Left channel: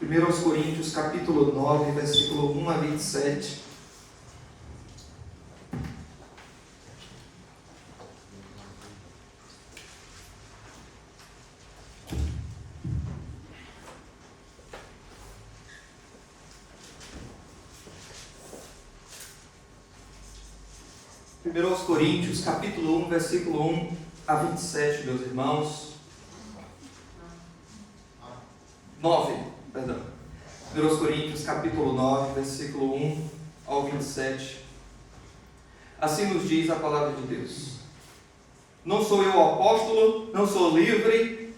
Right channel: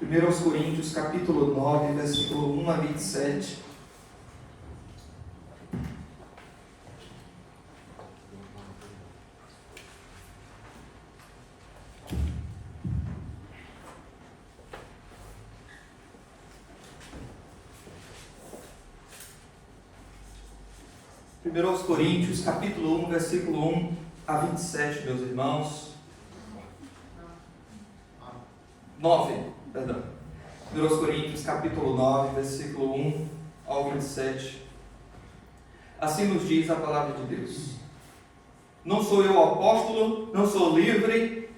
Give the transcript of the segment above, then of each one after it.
1 Coríntios, capítulo 9, versículo 1 a 27. Primeiro aos Coríntios, capítulo 1, versículo 1 a 27, meus irmãos. 9, perdão. 1 Coríntios, capítulo 9, versículo 1 ao 27. Assim nos diz a palavra de Deus. Não sou eu apóstolo, não sou livre,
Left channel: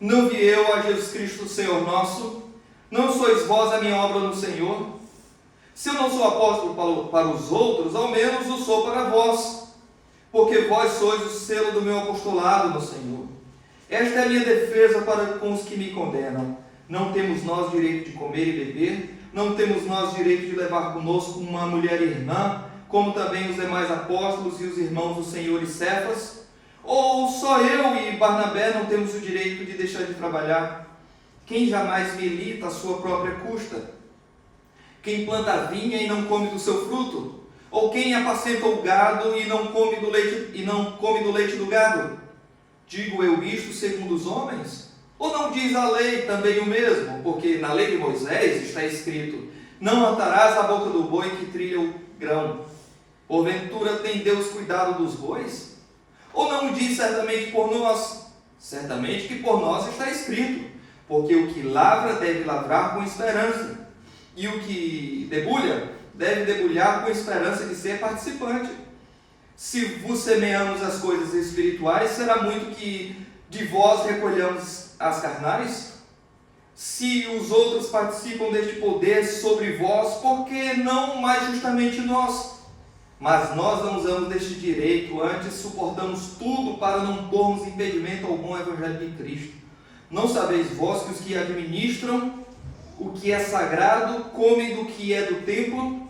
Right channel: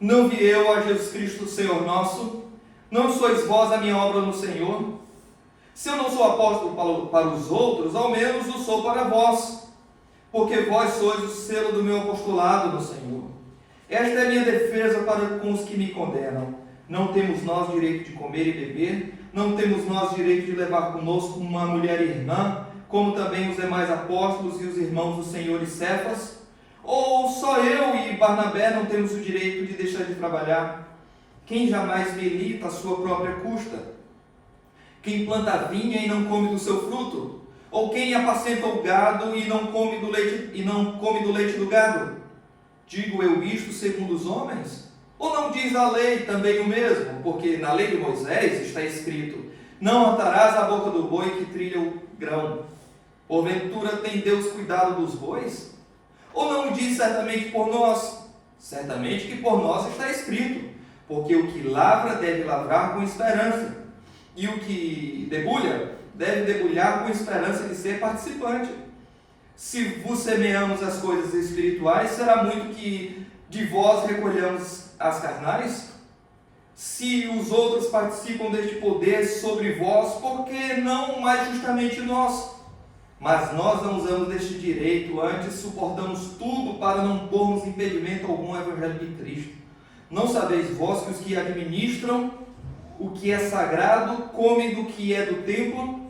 não vi eu a Jesus Cristo, Senhor nosso, não sois vós a minha obra no Senhor. Se eu não sou apóstolo para os outros, ao menos o sou para vós, porque vós sois o selo do meu apostolado no Senhor. Esta é a minha defesa para com os que me condenam. Não temos nós direito de comer e beber, não temos nós direito de levar conosco uma mulher irmã, como também os demais apóstolos e os irmãos do Senhor e Cefas? Ou só eu e Barnabé não temos o direito de deixar de trabalhar? Quem jamais milita a sua própria custa? Quem planta a vinha e não come do seu fruto? Ou quem apacenta o gado e não come do leite do gado? Digo eu isto segundo os homens? Ou não diz a lei também o mesmo? Porque na lei de Moisés está escrito: não atarás a boca do boi que trilha o grão. Porventura tem Deus cuidado dos bois? Ou não diz certamente por nós? Certamente que por nós está escrito: porque o que lavra deve lavrar com esperança, e o que debulha deve debulhar com esperança de ser participante. Se vos semeamos as coisas espirituais, será muito que de vós recolhamos as carnais? Se os outros participam deste poder sobre vós, por que não mais justamente nós? Mas nós não usamos deste direito, antes suportamos tudo para não pormos impedimento algum ao Evangelho de Cristo. Não sabeis vós que os que administram o que é sagrado comem do que é do templo,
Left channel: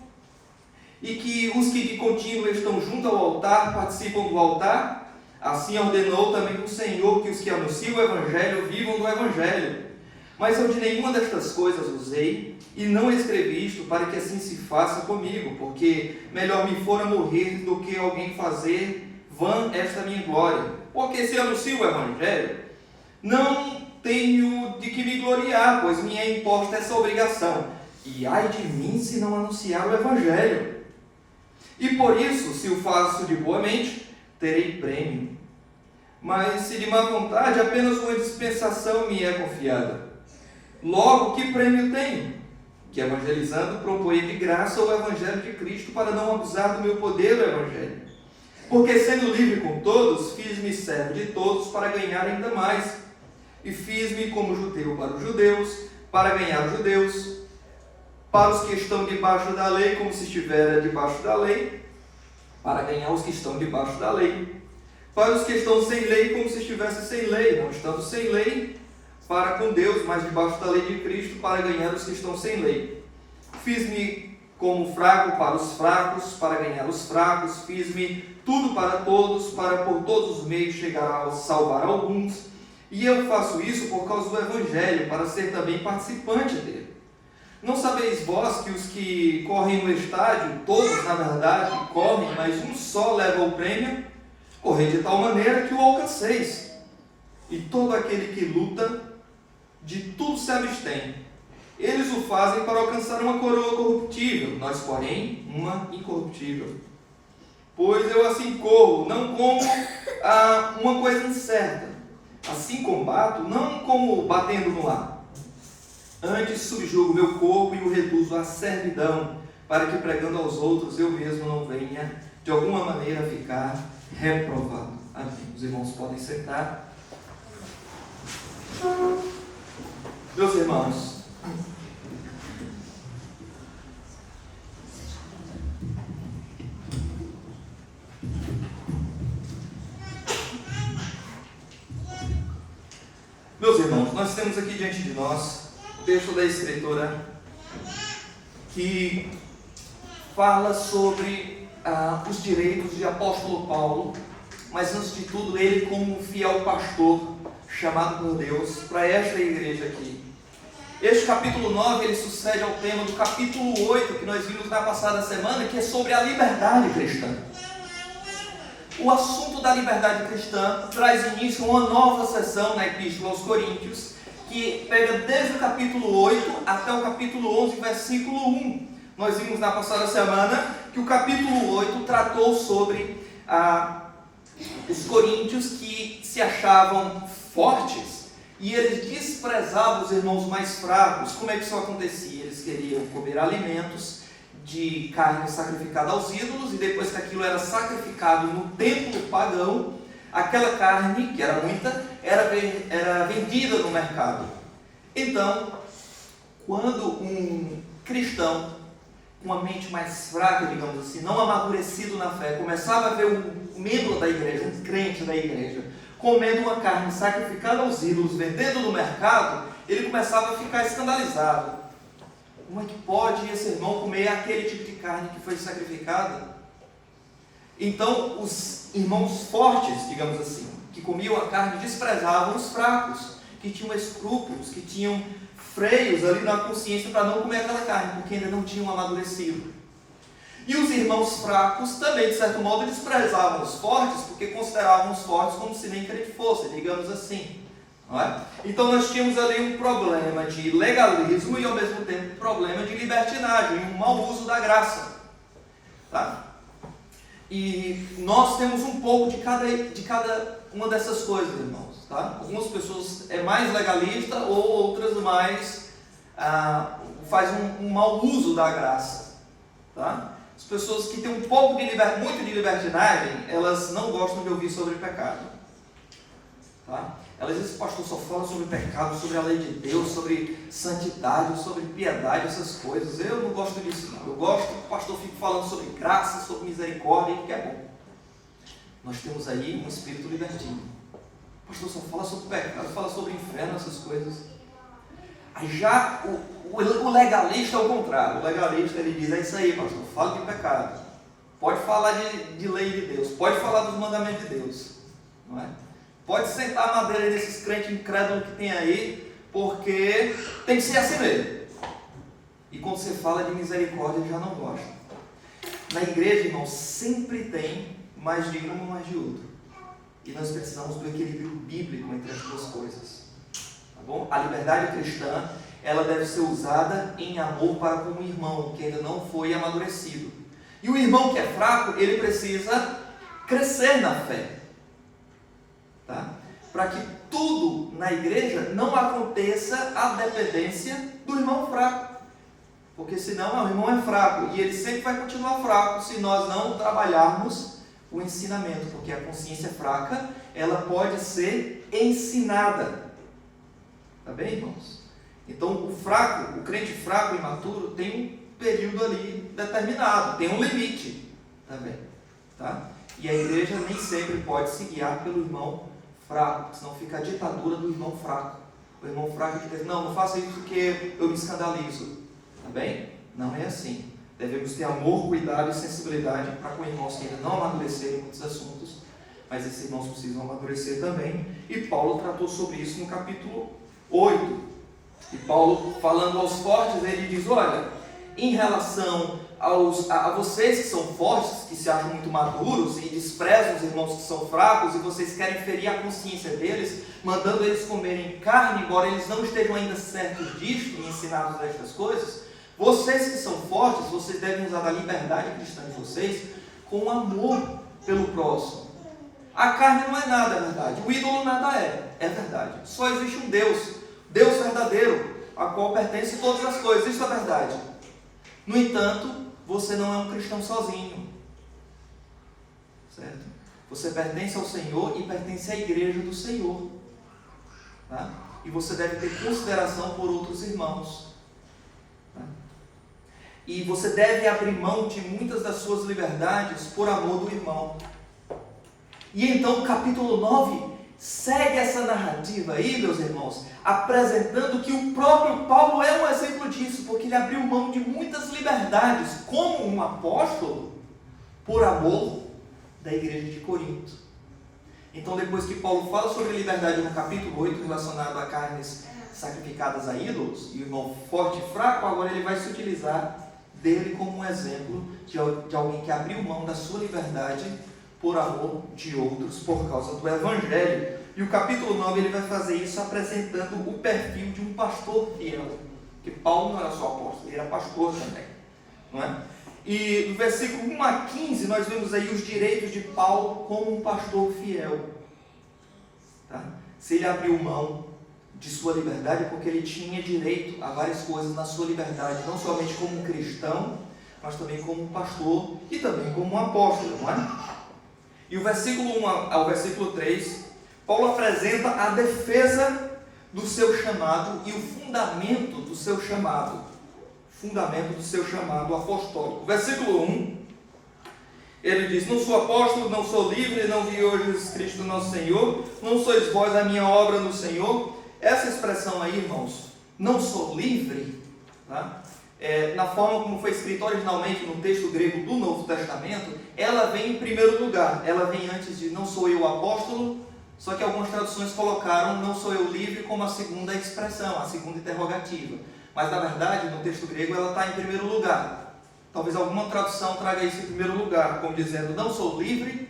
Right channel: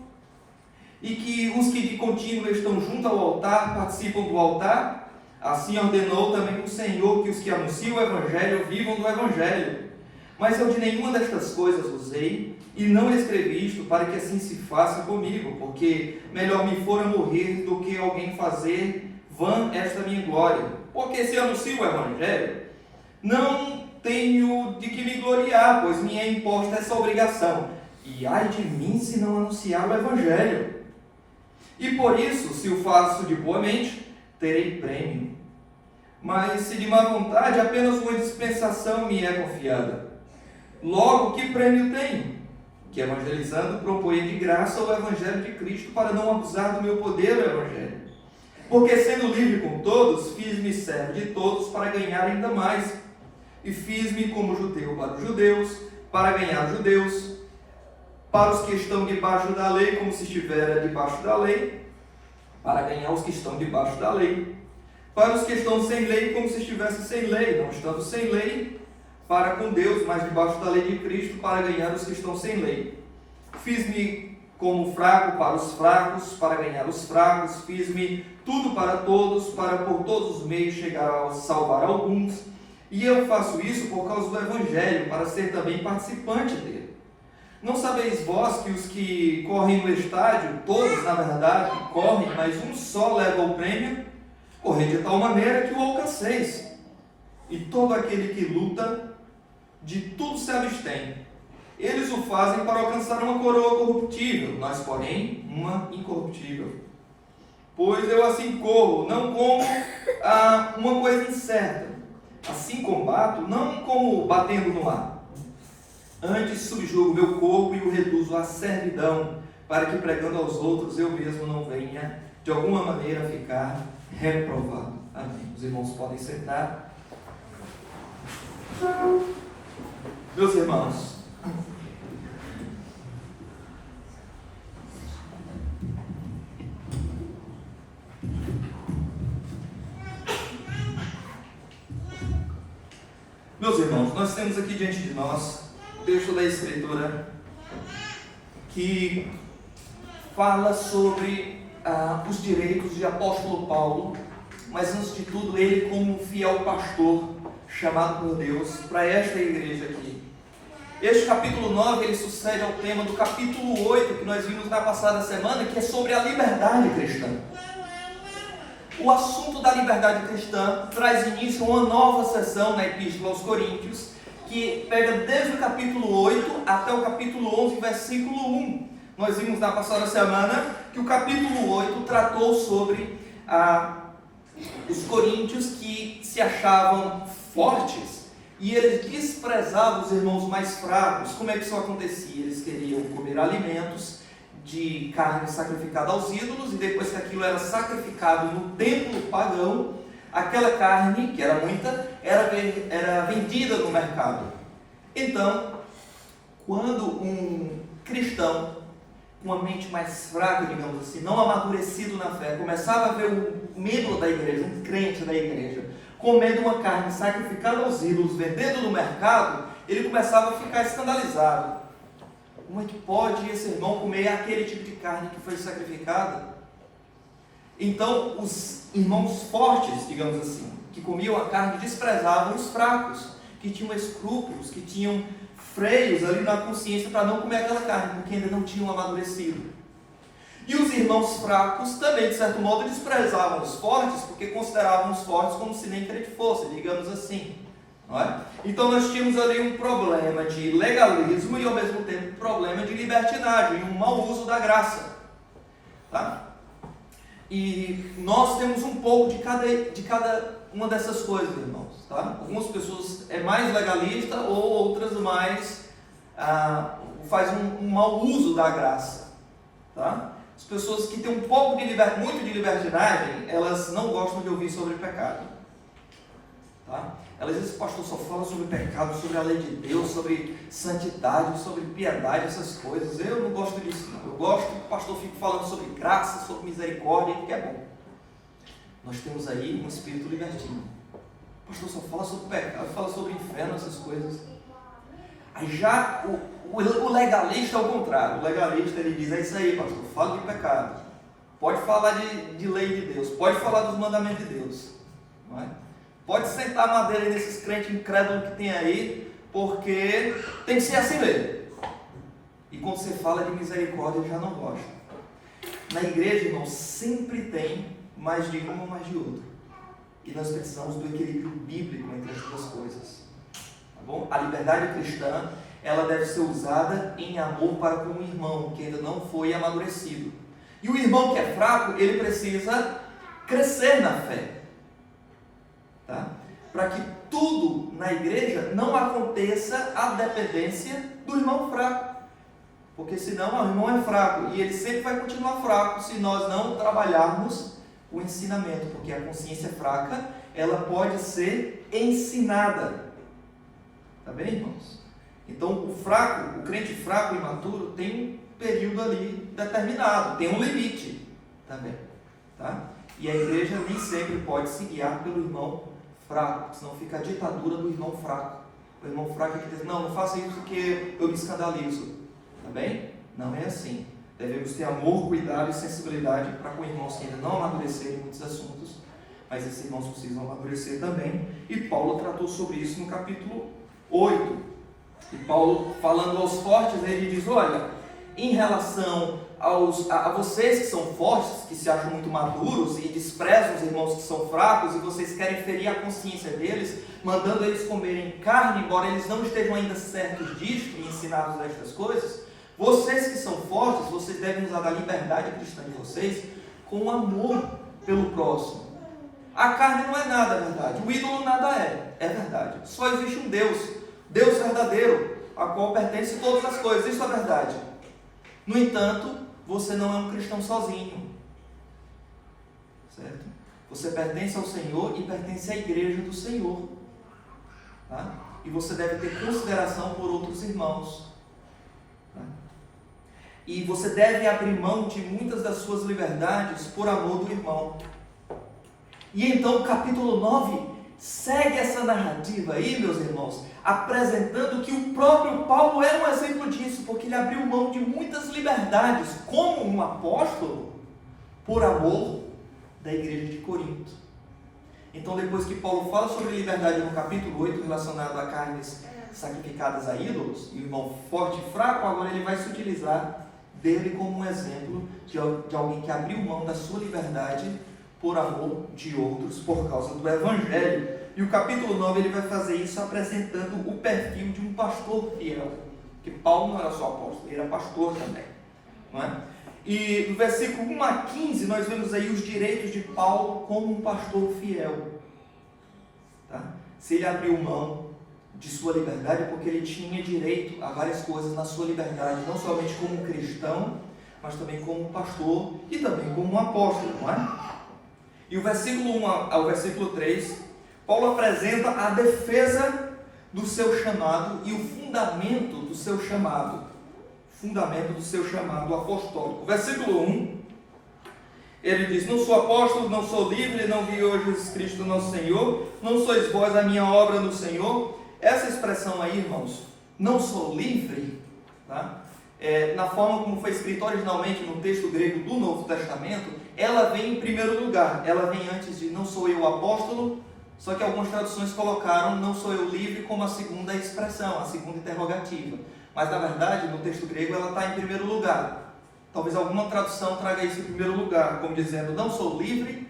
e que os que de contínuo estão junto ao altar participam do altar? Assim ordenou também o Senhor que os que anunciam o Evangelho vivam do Evangelho. Mas eu de nenhuma destas coisas usei, e não escrevi isto para que assim se faça comigo, porque melhor me fora morrer do que alguém fazer vã esta minha glória. Porque se anuncio o Evangelho, não tenho de que me gloriar, pois me é imposta essa obrigação. E ai de mim se não anunciar o Evangelho. E por isso, se o faço de boa mente, terei prêmio. Mas se de má vontade, apenas uma dispensação me é confiada. Logo, que prêmio tenho? Que evangelizando proponha de graça o Evangelho de Cristo, para não abusar do meu poder do Evangelho. Porque sendo livre com todos, fiz-me servo de todos para ganhar ainda mais. E fiz-me como judeu para os judeus, para ganhar os judeus, para os que estão debaixo da lei, como se estivera debaixo da lei, para ganhar os que estão debaixo da lei, para os que estão sem lei, como se estivesse sem lei, não estando sem lei, para com Deus, mas debaixo da lei de Cristo, para ganhar os que estão sem lei. Fiz-me como fraco para os fracos, para ganhar os fracos, fiz-me tudo para todos, para por todos os meios chegar a salvar alguns. E eu faço isso por causa do Evangelho, para ser também participante dele. Não sabeis vós que os que correm no estádio, todos na verdade correm, mas um só leva o prêmio? Correi de tal maneira que o alcanceis. E todo aquele que luta, de tudo se abstém. Eles o fazem para alcançar uma coroa corruptível, nós, porém, uma incorruptível. Pois eu assim corro, não como uma coisa incerta. Assim combato, não como batendo no ar. Antes subjugo meu corpo e o reduzo à servidão, para que pregando aos outros eu mesmo não venha de alguma maneira a ficar reprovado. Amém. Os irmãos podem sentar. Meus irmãos, nós temos aqui diante de nós o texto da Escritura que fala sobre os direitos de apóstolo Paulo, mas antes de tudo ele como um fiel pastor chamado por Deus para esta igreja aqui. Este capítulo 9, ele sucede ao tema do capítulo 8, que nós vimos na passada semana, que é sobre a liberdade cristã. O assunto da liberdade cristã traz início a uma nova sessão na Epístola aos Coríntios, que pega desde o capítulo 8 até o capítulo 11, versículo 1. Nós vimos na passada semana que o capítulo 8 tratou sobre os coríntios que se achavam fortes e eles desprezavam os irmãos mais fracos. Como é que isso acontecia? Eles queriam comer alimentos de carne sacrificada aos ídolos, e depois que aquilo era sacrificado no templo pagão, aquela carne, que era muita, era vendida no mercado. Então, quando um cristão com uma mente mais fraca, digamos assim, não amadurecido na fé, começava a ver um membro da igreja, um crente da igreja, comendo uma carne sacrificada aos ídolos, vendendo no mercado, ele começava a ficar escandalizado. Como é que pode esse irmão comer aquele tipo de carne que foi sacrificada? Então, os irmãos fortes, digamos assim, que comiam a carne, desprezavam os fracos, que tinham escrúpulos, que tinham freios ali na consciência para não comer aquela carne, porque ainda não tinham amadurecido. E os irmãos fracos também, de certo modo, desprezavam os fortes, porque consideravam os fortes como se nem crente fosse, digamos assim. Não é? Então nós tínhamos ali um problema de legalismo e ao mesmo tempo um problema de libertinagem, um mau uso da graça. Tá? E nós temos um pouco de cada uma dessas coisas, irmãos. Tá? Algumas pessoas é mais legalista, ou outras mais faz um mau uso da graça. Tá? As pessoas que têm um pouco de muito de libertinagem, elas não gostam de ouvir sobre pecado. Tá? Elas dizem, pastor, só fala sobre pecado, sobre a lei de Deus, sobre santidade, sobre piedade, essas coisas. Eu não gosto disso, não. Eu gosto que o pastor fique falando sobre graça, sobre misericórdia, que é bom. Nós temos aí um espírito libertino. O pastor só fala sobre pecado, fala sobre inferno, essas coisas. Aí já o legalista é o contrário. O legalista, ele diz, é isso aí, pastor, fala de pecado. Pode falar de lei de Deus, pode falar dos mandamentos de Deus. Não é? Pode sentar a madeira desses crentes incrédulos que tem aí, porque tem que ser assim mesmo. E quando você fala de misericórdia, eu já não gosto. Na igreja, irmão, sempre tem mais de um ou mais de outro. E nós precisamos do equilíbrio bíblico entre as duas coisas. Tá bom? A liberdade cristã, ela deve ser usada em amor para com o irmão que ainda não foi amadurecido. E o irmão que é fraco, ele precisa crescer na fé. Tá? Para que tudo na igreja não aconteça à dependência do irmão fraco, porque senão o irmão é fraco e ele sempre vai continuar fraco se nós não trabalharmos o ensinamento, porque a consciência fraca, ela pode ser ensinada. Tá bem, irmãos? Então o fraco, o crente fraco e imaturo tem um período ali determinado, tem um limite também, tá? E a igreja nem sempre pode se guiar pelo irmão fraco, senão fica a ditadura do irmão fraco. O irmão fraco que diz, não faça isso porque eu me escandalizo. Tá bem? Não é assim. Devemos ter amor, cuidado e sensibilidade para com irmãos que ainda não amadureceram em muitos assuntos, mas esses irmãos precisam amadurecer também. E Paulo tratou sobre isso no capítulo 8. E Paulo, falando aos fortes, ele diz, olha, em relação a vocês que são fortes, que se acham muito maduros e desprezam os irmãos que são fracos, e vocês querem ferir a consciência deles, mandando eles comerem carne, embora eles não estejam ainda certos disto e ensinados destas coisas, vocês que são fortes, vocês devem usar a liberdade cristã de vocês com amor pelo próximo. A carne não é nada, é verdade. O ídolo nada é verdade. Só existe um Deus, Deus verdadeiro, a qual pertence todas as coisas, isso é verdade. No entanto, você não é um cristão sozinho, certo? Você pertence ao Senhor e pertence à igreja do Senhor, tá? E você deve ter consideração por outros irmãos, tá? E você deve abrir mão de muitas das suas liberdades por amor do irmão. E então o capítulo 9 segue essa narrativa aí, meus irmãos, apresentando que o próprio Paulo é um exemplo disso, porque ele abriu mão de muitas liberdades como um apóstolo por amor da igreja de Corinto. Então, depois que Paulo fala sobre liberdade no capítulo 8, relacionado a carnes sacrificadas a ídolos, e o irmão forte e fraco, agora ele vai se utilizar dele como um exemplo de alguém que abriu mão da sua liberdade por amor de outros, por causa do Evangelho. E o capítulo 9 ele vai fazer isso apresentando o perfil de um pastor fiel, porque Paulo não era só apóstolo, ele era pastor também, não é? E do versículo 1 a 15 nós vemos aí os direitos de Paulo como um pastor fiel, tá? Se ele abriu mão de sua liberdade, porque ele tinha direito a várias coisas na sua liberdade, não somente como um cristão, mas também como um pastor e também como um apóstolo, não é? E o versículo 1 ao versículo 3, Paulo apresenta a defesa do seu chamado e o fundamento do seu chamado. Fundamento do seu chamado apostólico. Versículo 1, ele diz: não sou apóstolo, não sou livre, não vi hoje Jesus Cristo nosso Senhor, não sois vós a minha obra no Senhor. Essa expressão aí, irmãos, não sou livre, tá? Na forma como foi escrito originalmente no texto grego do Novo Testamento, ela vem em primeiro lugar, ela vem antes de não sou eu apóstolo, só que algumas traduções colocaram não sou eu livre como a segunda expressão, a segunda interrogativa. Mas na verdade, no texto grego, ela está em primeiro lugar. Talvez alguma tradução traga isso em primeiro lugar, como dizendo, não sou livre,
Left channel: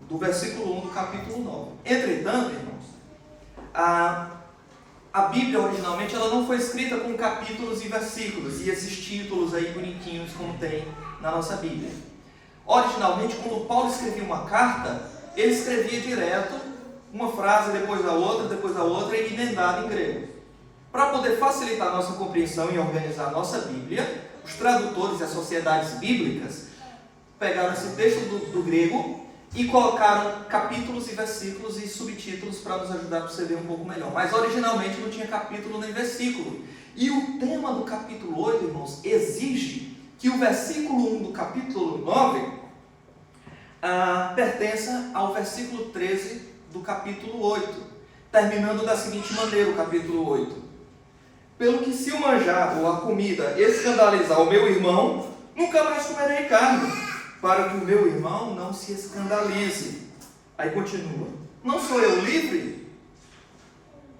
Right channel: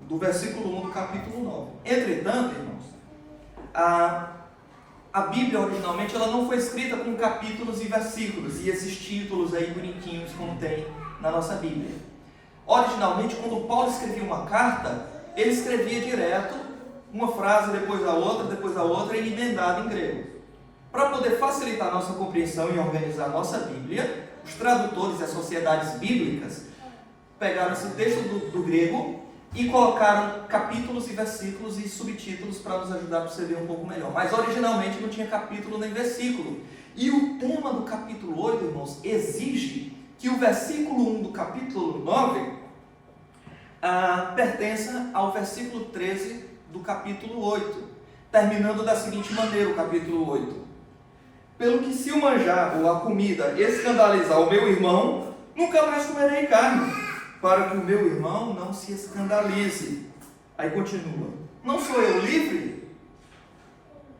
do versículo 1 do capítulo 9. Entretanto, irmãos, a Bíblia originalmente ela não foi escrita com capítulos e versículos, e esses títulos aí bonitinhos como tem na nossa Bíblia. Originalmente, quando Paulo escrevia uma carta, ele escrevia direto, uma frase depois da outra, e emendada em grego. Para poder facilitar a nossa compreensão e organizar a nossa Bíblia, os tradutores e as sociedades bíblicas pegaram esse texto do grego e colocaram capítulos e versículos e subtítulos para nos ajudar a perceber um pouco melhor. Mas originalmente não tinha capítulo nem versículo. E o tema do capítulo 8, irmãos, exige que o versículo 1 do capítulo 9 pertença ao versículo 13 do capítulo 8, terminando da seguinte maneira o capítulo 8. Pelo que se o manjar ou a comida escandalizar o meu irmão, nunca mais comerei carne, para que o meu irmão não se escandalize. Aí continua, não sou eu livre?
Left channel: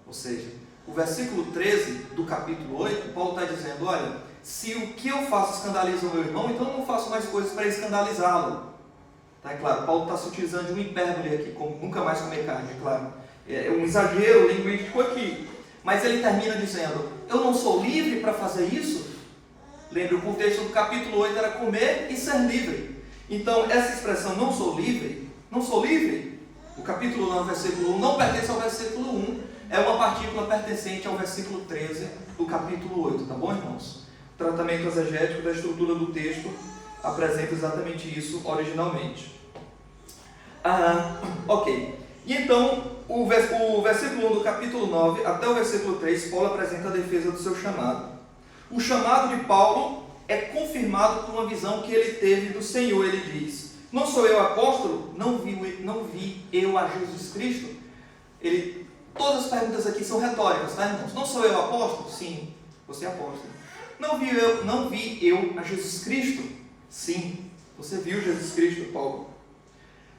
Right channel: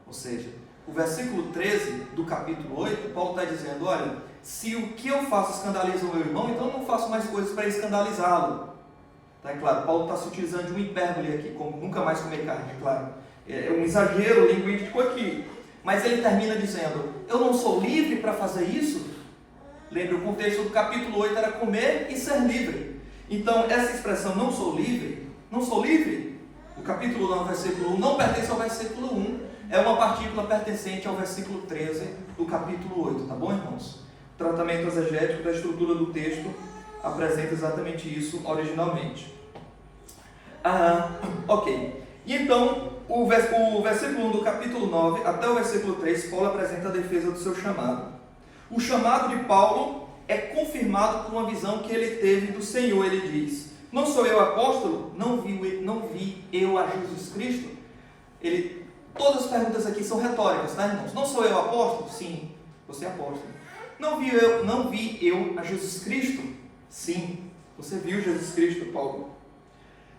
Ou seja, o versículo 13 do capítulo 8, Paulo está dizendo, olha, se o que eu faço escandaliza o meu irmão, então eu não faço mais coisas para escandalizá-lo. Tá, é claro, Paulo está se utilizando de um hipérbole aqui, como nunca mais comer carne, é claro. É um exagero linguístico aqui. Mas ele termina dizendo, eu não sou livre para fazer isso? Lembre, o contexto do capítulo 8 era comer e ser livre. Então, essa expressão, não sou livre, o capítulo 9, versículo 1, não pertence ao versículo 1, é uma partícula pertencente ao versículo 13 do capítulo 8, tá bom, irmãos? O tratamento exegético da estrutura do texto apresenta exatamente isso originalmente. Ok. E então, o versículo 1 do capítulo 9 até o versículo 3, Paulo apresenta a defesa do seu chamado. O chamado de Paulo é confirmado por uma visão que ele teve do Senhor. Ele diz, não sou eu apóstolo? Não vi eu a Jesus Cristo? Todas as perguntas aqui são retóricas, tá, irmãos? Não sou eu apóstolo? Sim, você é apóstolo. Não vi eu a Jesus Cristo? Sim, você viu Jesus Cristo, Paulo.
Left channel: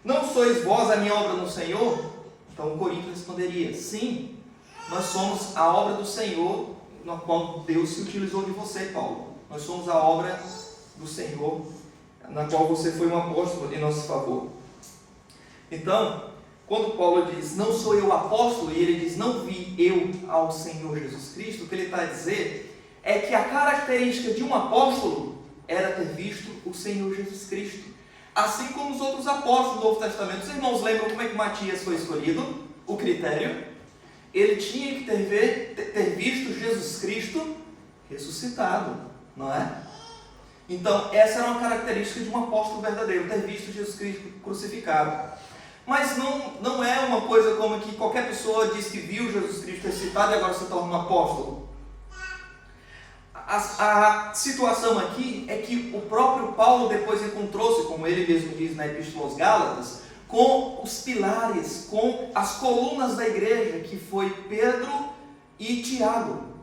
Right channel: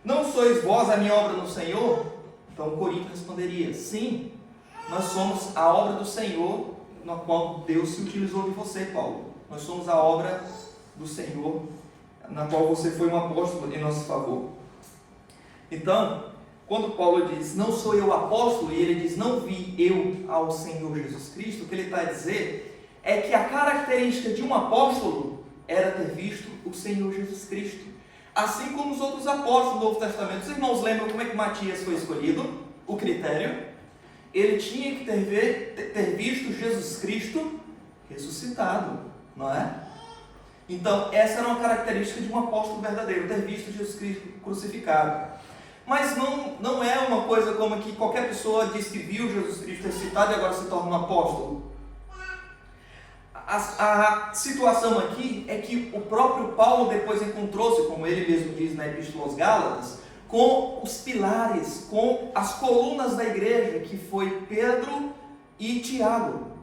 Não sois vós a minha obra no Senhor? Então Corinto responderia, sim, nós somos a obra do Senhor, na qual Deus se utilizou de você, Paulo. Nós somos a obra do Senhor, na qual você foi um apóstolo em nosso favor. Então, quando Paulo diz, não sou eu apóstolo, e ele diz, não vi eu ao Senhor Jesus Cristo, o que ele está a dizer é que a característica de um apóstolo era ter visto o Senhor Jesus Cristo. Assim como os outros apóstolos do Novo Testamento. Os irmãos lembram como é que Matias foi escolhido? O critério? Ele tinha que ter visto Jesus Cristo ressuscitado, não é? Então, essa era uma característica de um apóstolo verdadeiro, ter visto Jesus Cristo crucificado. Mas não é uma coisa como que qualquer pessoa diz que viu Jesus Cristo ressuscitado e agora se torna um apóstolo. A situação aqui é que o próprio Paulo depois encontrou-se, como ele mesmo diz na Epístola aos Gálatas, com os pilares, com as colunas da igreja, que foi Pedro e Tiago.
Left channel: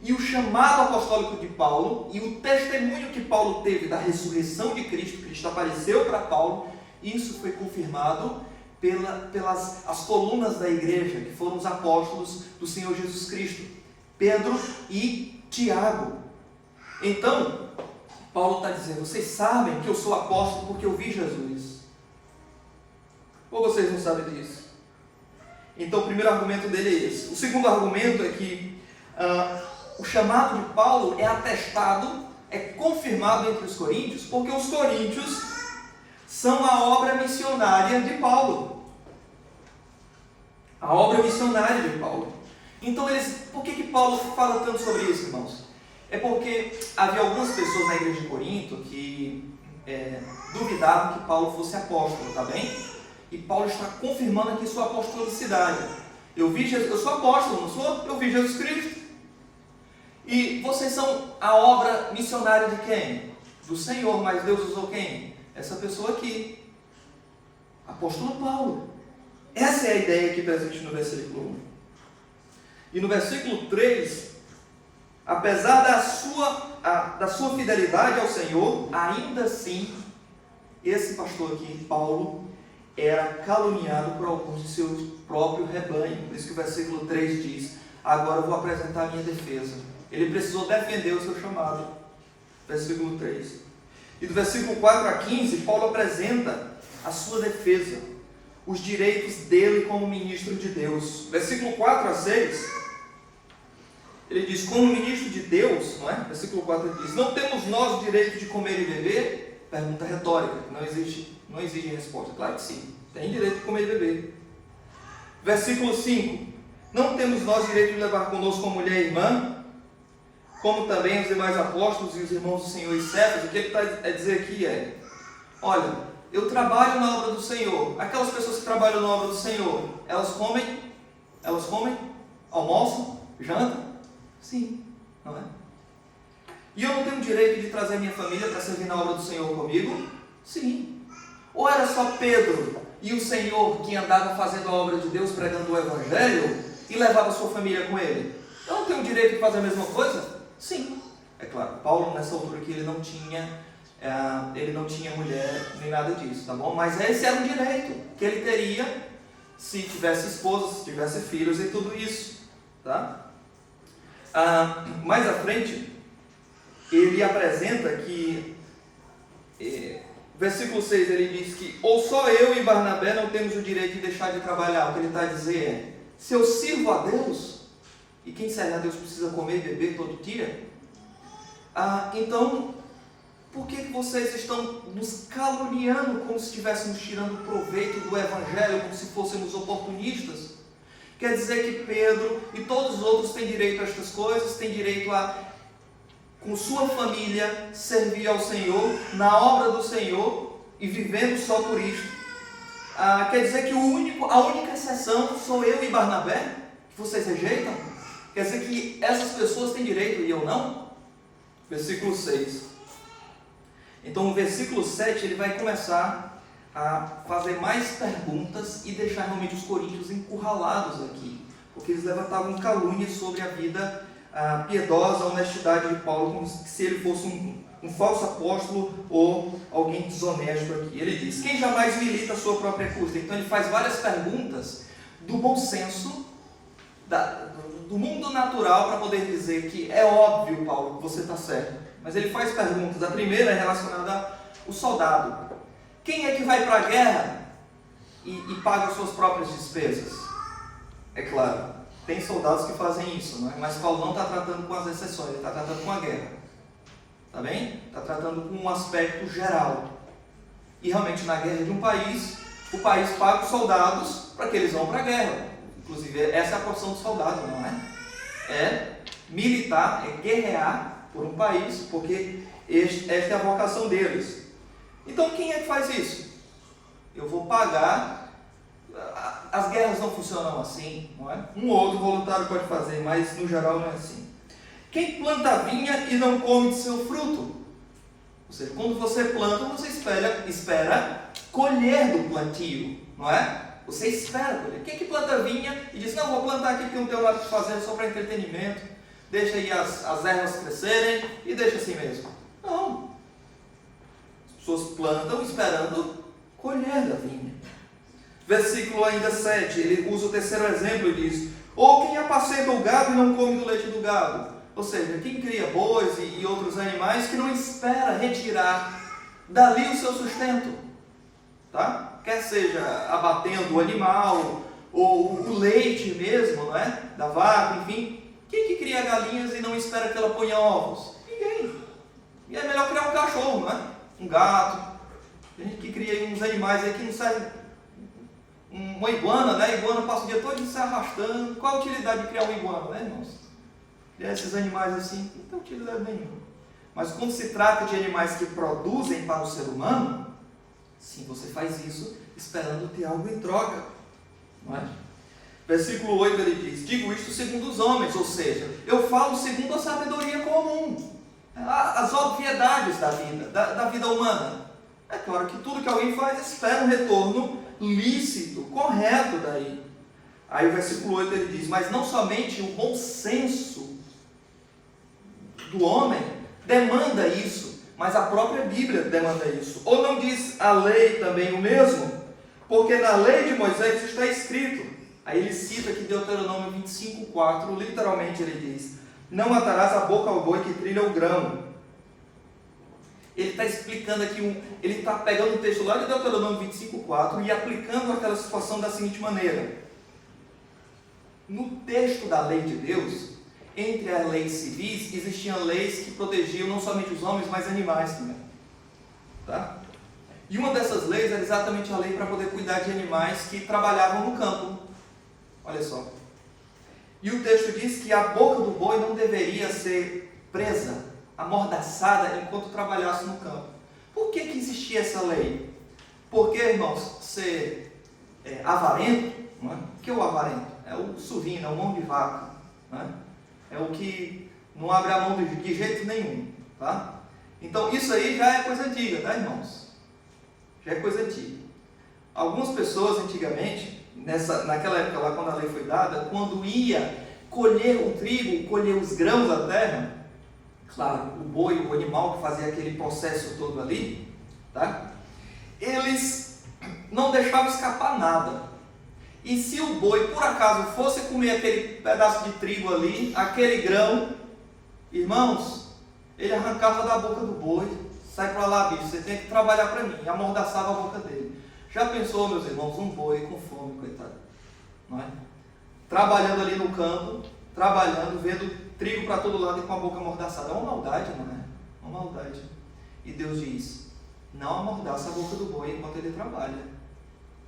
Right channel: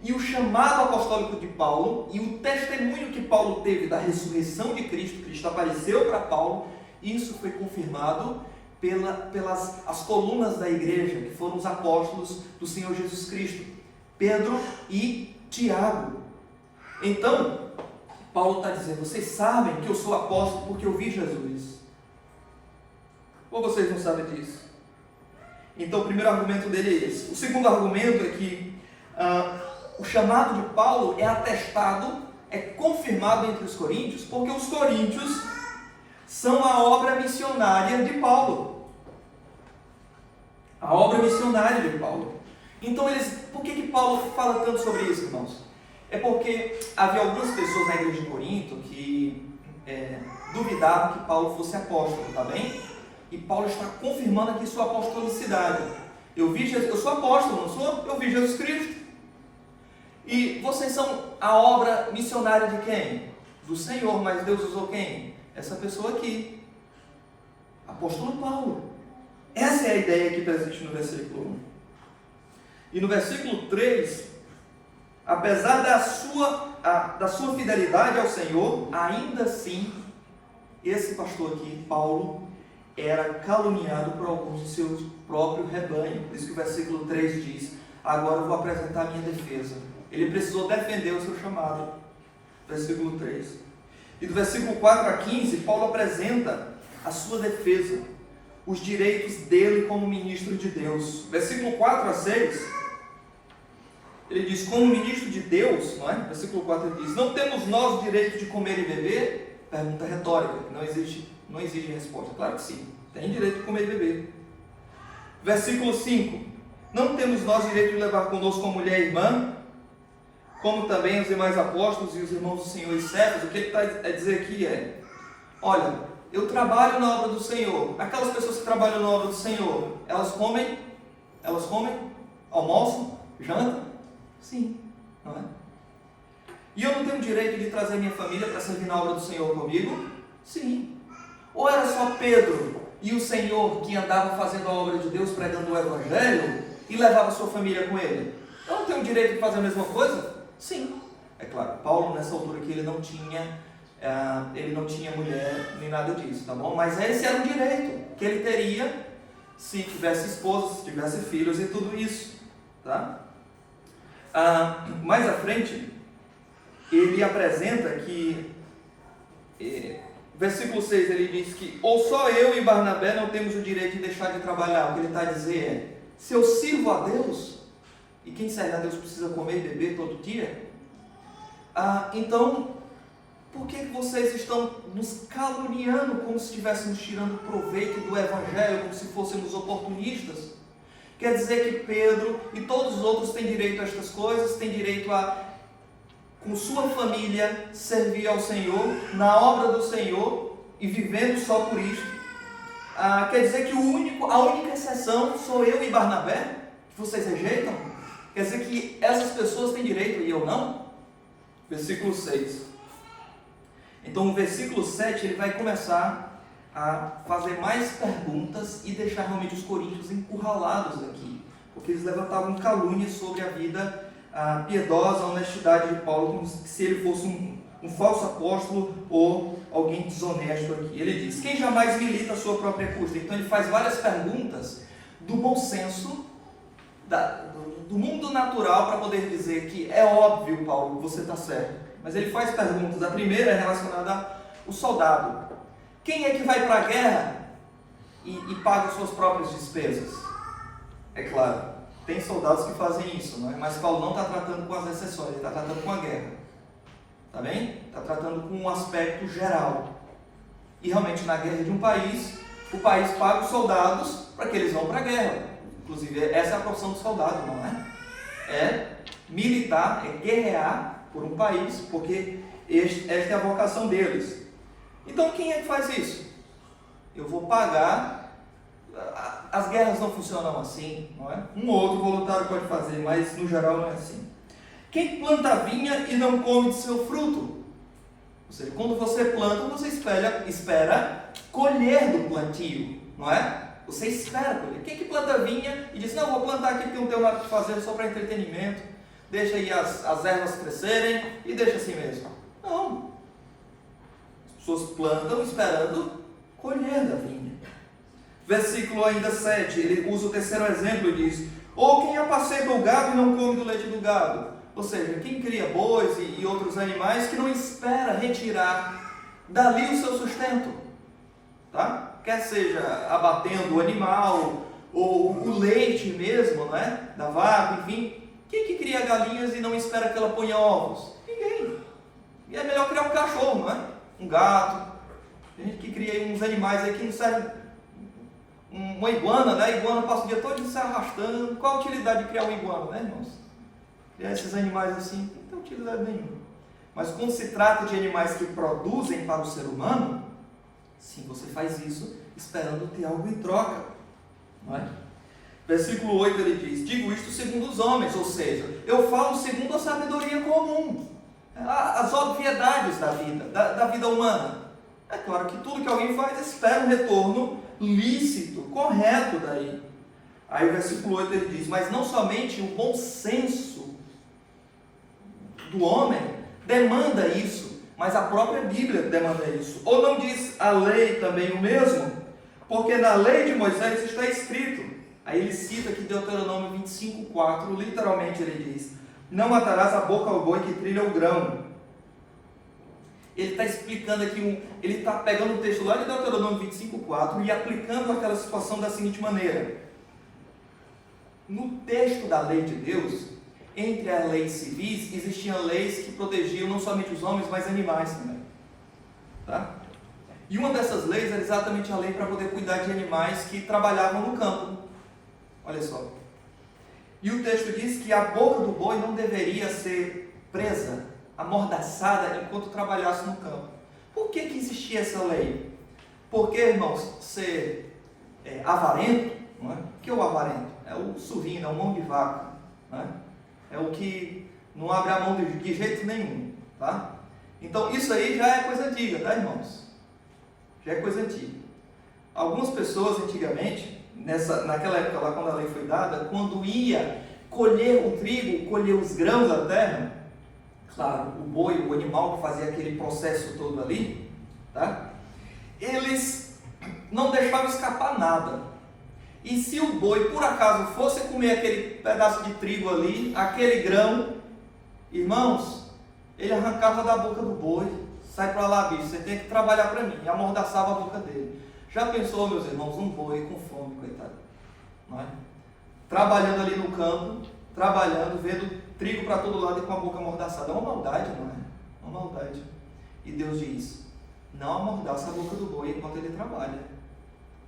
E o chamado apostólico de Paulo, e o testemunho que Paulo teve da ressurreição de Cristo, Cristo apareceu para Paulo, isso foi confirmado pelas as colunas da igreja, que foram os apóstolos do Senhor Jesus Cristo, Pedro e Tiago. Então, Paulo está dizendo: vocês sabem que eu sou apóstolo porque eu vi Jesus. Ou vocês não sabem disso? Então, o primeiro argumento dele é esse. O segundo argumento é que o chamado de Paulo é atestado, é confirmado entre os coríntios, porque os coríntios são a obra missionária de Paulo. A obra missionária de Paulo. Então, por que Paulo fala tanto sobre isso, irmãos? É porque havia algumas pessoas na igreja de Corinto que duvidavam que Paulo fosse apóstolo, tá bem? E Paulo está confirmando aqui sua apostolicidade. Eu sou apóstolo, não sou? Eu vi Jesus Cristo. E vocês são a obra missionária de quem? Do Senhor, mas Deus usou quem? Essa pessoa aqui. Apóstolo Paulo. Essa é a ideia aqui presente no versículo 1. E no versículo 3, apesar da sua fidelidade ao Senhor, ainda assim, esse pastor aqui, Paulo, era caluniado por alguns de seu próprio rebanho. Por isso que o versículo 3 diz: agora eu vou apresentar a minha defesa. Ele precisou defender o seu chamado. Versículo 3. E do versículo 4 a 15, Paulo apresenta a sua defesa, os direitos dele como ministro de Deus. Versículo 4 a 6, ele diz: como ministro de Deus, não é? Versículo 4 ele diz: não temos nós o direito de comer e beber? Pergunta retórica, não exige resposta. Claro que sim, tem direito de comer e beber. Versículo 5: não temos nós direito de levar conosco uma mulher irmã, como também os demais apóstolos e os irmãos do Senhor e Cefas? O que ele está a dizer aqui é: olha, eu trabalho na obra do Senhor. Aquelas pessoas que trabalham na obra do Senhor, elas comem, almoçam, jantam? Sim, não é? E eu não tenho direito de trazer minha família para servir na obra do Senhor comigo? Sim. Ou era só Pedro e o Senhor que andavam fazendo a obra de Deus, pregando o Evangelho, e levava a sua família com ele? Eu não tenho direito de fazer a mesma coisa? Sim. É claro, Paulo nessa altura aqui ele não tinha mulher nem nada disso, tá bom? Mas esse era um direito que ele teria se tivesse esposa, se tivesse filhos e tudo isso, tá? Mais à frente, ele apresenta que, versículo 6, ele diz que ou só eu e Barnabé não temos o direito de deixar de trabalhar. O que ele está a dizer é: se eu sirvo a Deus, e quem serve a Deus precisa comer e beber todo dia, então, por que vocês estão nos caluniando como se estivéssemos tirando proveito do Evangelho, como se fôssemos oportunistas? Quer dizer que Pedro e todos os outros têm direito a estas coisas, têm direito a, com sua família, servir ao Senhor, na obra do Senhor, e vivendo só por isto. Quer dizer que a única exceção sou eu e Barnabé, que vocês rejeitam? Quer dizer que essas pessoas têm direito e eu não? Versículo 6. Então, no versículo 7, ele vai começar a fazer mais perguntas e deixar realmente os coríntios encurralados aqui, porque eles levantavam calúnia sobre a vida piedosa, a honestidade de Paulo, como se ele fosse um falso apóstolo ou alguém desonesto aqui. Ele diz: quem jamais milita a sua própria custa? Então ele faz várias perguntas do bom senso, do mundo natural, para poder dizer que é óbvio, Paulo, você está certo. Mas ele faz perguntas. A primeira é relacionada ao soldado. Quem é que vai para a guerra e paga as suas próprias despesas? É claro, tem soldados que fazem isso, não é? Mas Paulo não está tratando com as exceções, ele está tratando com a guerra. Tá bem? Está tratando com um aspecto geral. E realmente na guerra de um país, o país paga os soldados para que eles vão para a guerra. Inclusive, essa é a profissão do soldado, não é? É militar, é guerrear por um país, porque esta é a vocação deles. Então, quem é que faz isso? Eu vou pagar. As guerras não funcionam assim, não é? Um ou outro voluntário pode fazer, mas no geral não é assim. Quem planta vinha e não come de seu fruto? Ou seja, quando você planta, você espera colher do plantio, não é? Você espera colher. Quem que planta vinha e diz: não, vou plantar aqui porque não tenho nada para fazer, só para entretenimento, deixa aí as ervas crescerem e deixa assim mesmo? Não. As pessoas plantam esperando colher da vinha. Versículo ainda 7, ele usa o terceiro exemplo e diz: ou quem apacenta o gado e não come do leite do gado. Ou seja, quem cria bois e outros animais que não espera retirar dali o seu sustento, tá? Quer seja abatendo o animal, ou o leite mesmo, não é? Da vaca, enfim. Quem que cria galinhas e não espera que ela ponha ovos? Ninguém. E é melhor criar um cachorro, não é? Um gato. Tem gente que cria uns animais aí que não servem. Uma iguana, né? A iguana passa o dia todo se arrastando. Qual a utilidade de criar uma iguana, né, irmãos? Criar esses animais assim não tem utilidade nenhuma. Mas quando se trata de animais que produzem para o ser humano, sim, você faz isso esperando ter algo em troca, não é? Versículo 8 ele diz: digo isto segundo os homens, ou seja, eu falo segundo a sabedoria comum, as obviedades da vida, da vida humana. É claro que tudo que alguém faz espera um retorno lícito, correto daí. Aí o versículo 8 ele diz: mas não somente o bom senso do homem demanda isso, mas a própria Bíblia demanda isso. Ou não diz a lei também o mesmo? Porque na lei de Moisés está escrito. Aí ele cita aqui Deuteronômio 25:4, literalmente ele diz: não matarás a boca ao boi que trilha o grão. Ele está explicando aqui, ele está pegando o texto lá de Deuteronômio 25:4 e aplicando aquela situação da seguinte maneira: no texto da lei de Deus, entre as leis civis, existiam leis que protegiam não somente os homens, mas animais também. Tá? E uma dessas leis era exatamente a lei para poder cuidar de animais que trabalhavam no campo. Olha só. E o texto diz que a boca do boi não deveria ser presa, amordaçada, enquanto trabalhasse no campo. Por que existia essa lei? Porque, irmãos, ser avarento, não é? O que é o avarento? É o suvino, é o mão de vaca, não é? É o que não abre a mão de jeito nenhum, tá? Então isso aí já é coisa antiga, tá, irmãos? Já é coisa antiga. Algumas pessoas antigamente, naquela época lá quando a lei foi dada, quando ia colher o trigo, colher os grãos da terra, claro, o boi, o animal que fazia aquele processo todo ali, tá? Eles não deixavam escapar nada. E se o boi, por acaso, fosse comer aquele pedaço de trigo ali, aquele grão, irmãos, ele arrancava da boca do boi: sai para lá, bicho, você tem que trabalhar para mim, e amordaçava a boca dele. Já pensou, meus irmãos, um boi com fome, coitado, não é? Trabalhando ali no campo, trabalhando, vendo trigo para todo lado e com a boca amordaçada. É uma maldade, não é? Uma maldade. E Deus diz: não amordaça a boca do boi enquanto ele trabalha.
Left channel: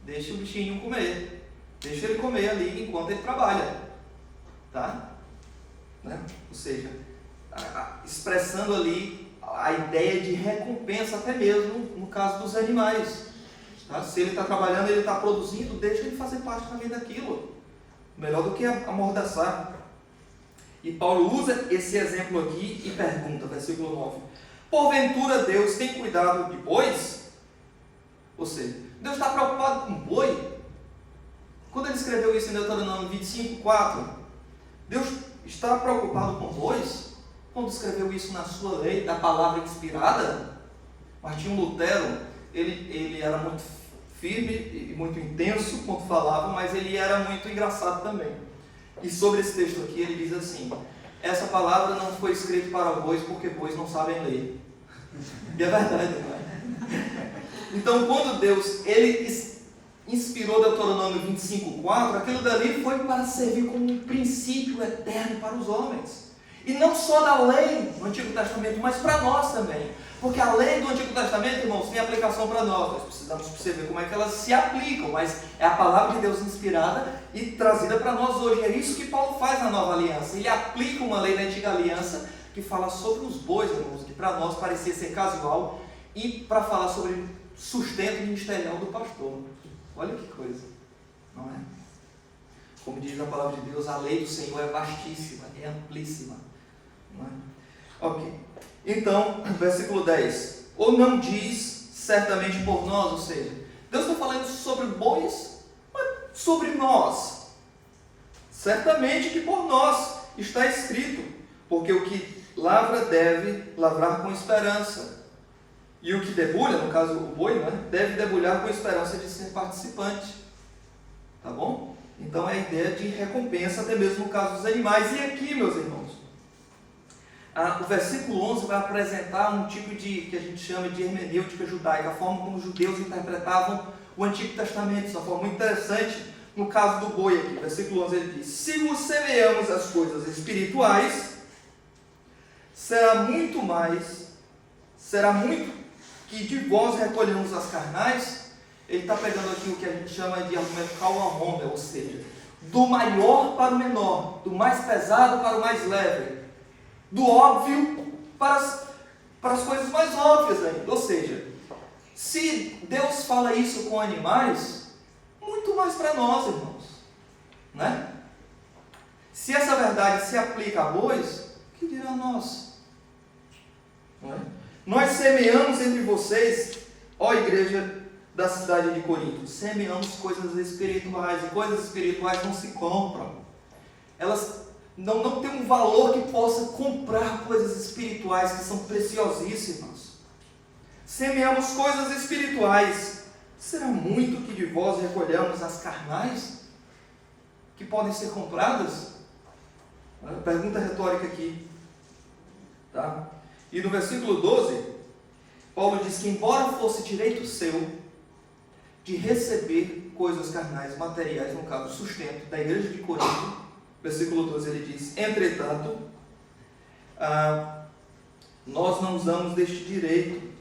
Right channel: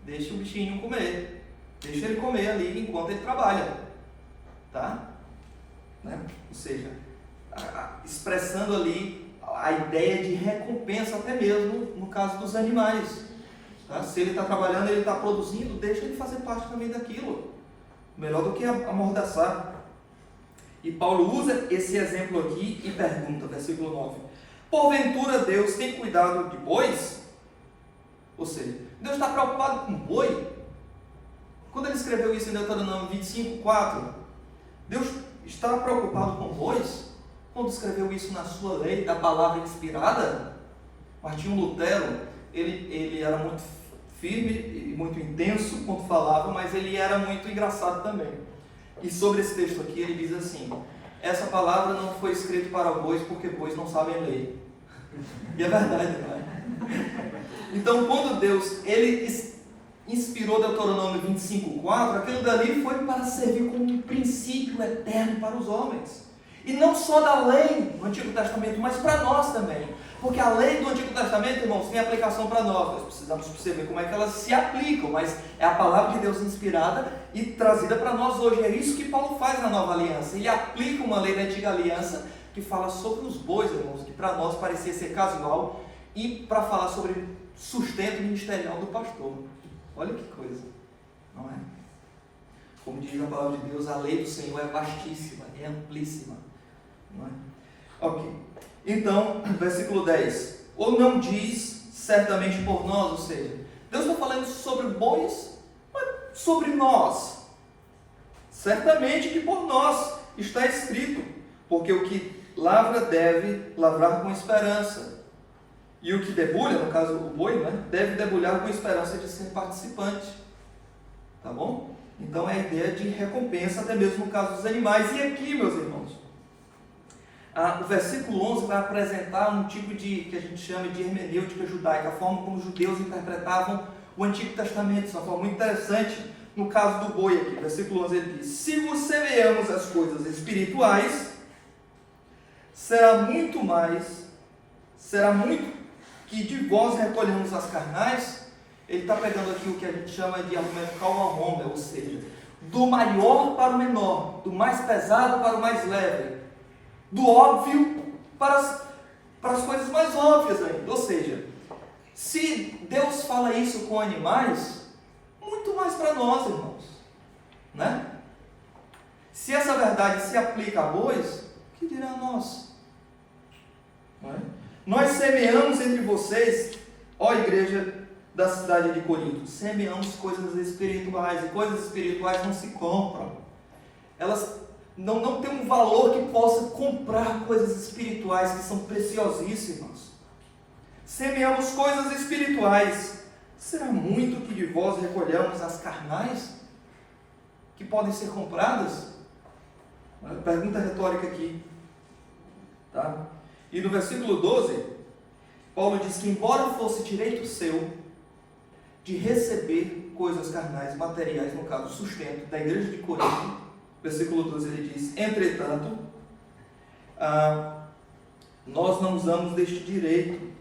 Deixa o bichinho comer. Deixa ele comer ali enquanto ele trabalha. Tá? Né? Ou seja, expressando ali a ideia de recompensa, até mesmo no caso dos animais. Tá? Se ele está trabalhando, ele está produzindo, deixa ele fazer parte também daquilo. Melhor do que amordaçar. E Paulo usa esse exemplo aqui e pergunta, versículo 9: porventura Deus tem cuidado de bois? Ou seja, Deus está preocupado com boi? Quando ele escreveu isso em Deuteronômio 25:4, Deus está preocupado com bois? Quando escreveu isso na sua lei, da palavra inspirada? Martinho Lutero, ele era muito firme e muito intenso quando falava, mas ele era muito engraçado também. E sobre esse texto aqui ele diz assim: essa palavra não foi escrita para bois porque bois não sabem ler. E é verdade, não é? Então quando Deus inspirou Deuteronômio 25:4, aquilo dali foi para servir como um princípio eterno para os homens. E não só da lei do Antigo Testamento, mas para nós também. Porque a lei do Antigo Testamento, irmãos, tem aplicação para nós. Nós precisamos perceber como é que elas se aplicam, mas é a palavra de Deus inspirada e trazida para nós hoje. É isso que Paulo faz na Nova Aliança. Ele aplica uma lei da Antiga Aliança que fala sobre os bois, irmãos, que para nós parecia ser casual, e para falar sobre sustento ministerial do pastor. Olha que coisa, não é? Como diz a palavra de Deus, a lei do Senhor é vastíssima, é amplíssima, não é? Ok, então, versículo 10: ou não diz certamente por nós, ou seja, Deus está falando sobre bois, mas sobre nós. Certamente que por nós está escrito, porque o que lavra deve lavrar com esperança. E o que debulha, no caso o boi, né, deve debulhar com esperança de ser participante. Tá bom? Então é a ideia de recompensa, até mesmo no caso dos animais. E aqui, meus irmãos, o versículo 11 vai apresentar um tipo de, que a gente chama de hermenêutica judaica, a forma como os judeus interpretavam o Antigo Testamento. Isso é uma forma muito interessante no caso do boi aqui. Versículo 11 ele diz: se vos semeamos as coisas espirituais, será muito que de vós recolhamos as carnais. Ele está pegando aqui o que a gente chama de argumento Kal-Ahomel, ou seja, do maior para o menor, do mais pesado para o mais leve, do óbvio para as coisas mais óbvias ainda. Ou seja, se Deus fala isso com animais, muito mais para nós, irmãos, né? Se essa verdade se aplica a bois, o que dirá a nós? Não é? Nós semeamos entre vocês, ó igreja da cidade de Corinto, semeamos coisas espirituais, e coisas espirituais não se compram. Elas não têm um valor que possa comprar coisas espirituais que são preciosíssimas. Semeamos coisas espirituais, será muito que de vós recolhamos as carnais, que podem ser compradas? Pergunta retórica aqui, tá? E no versículo 12, Paulo diz que embora fosse direito seu de receber coisas carnais, materiais, no caso, sustento da igreja de Corinto, versículo 12 ele diz: entretanto, nós não usamos deste direito,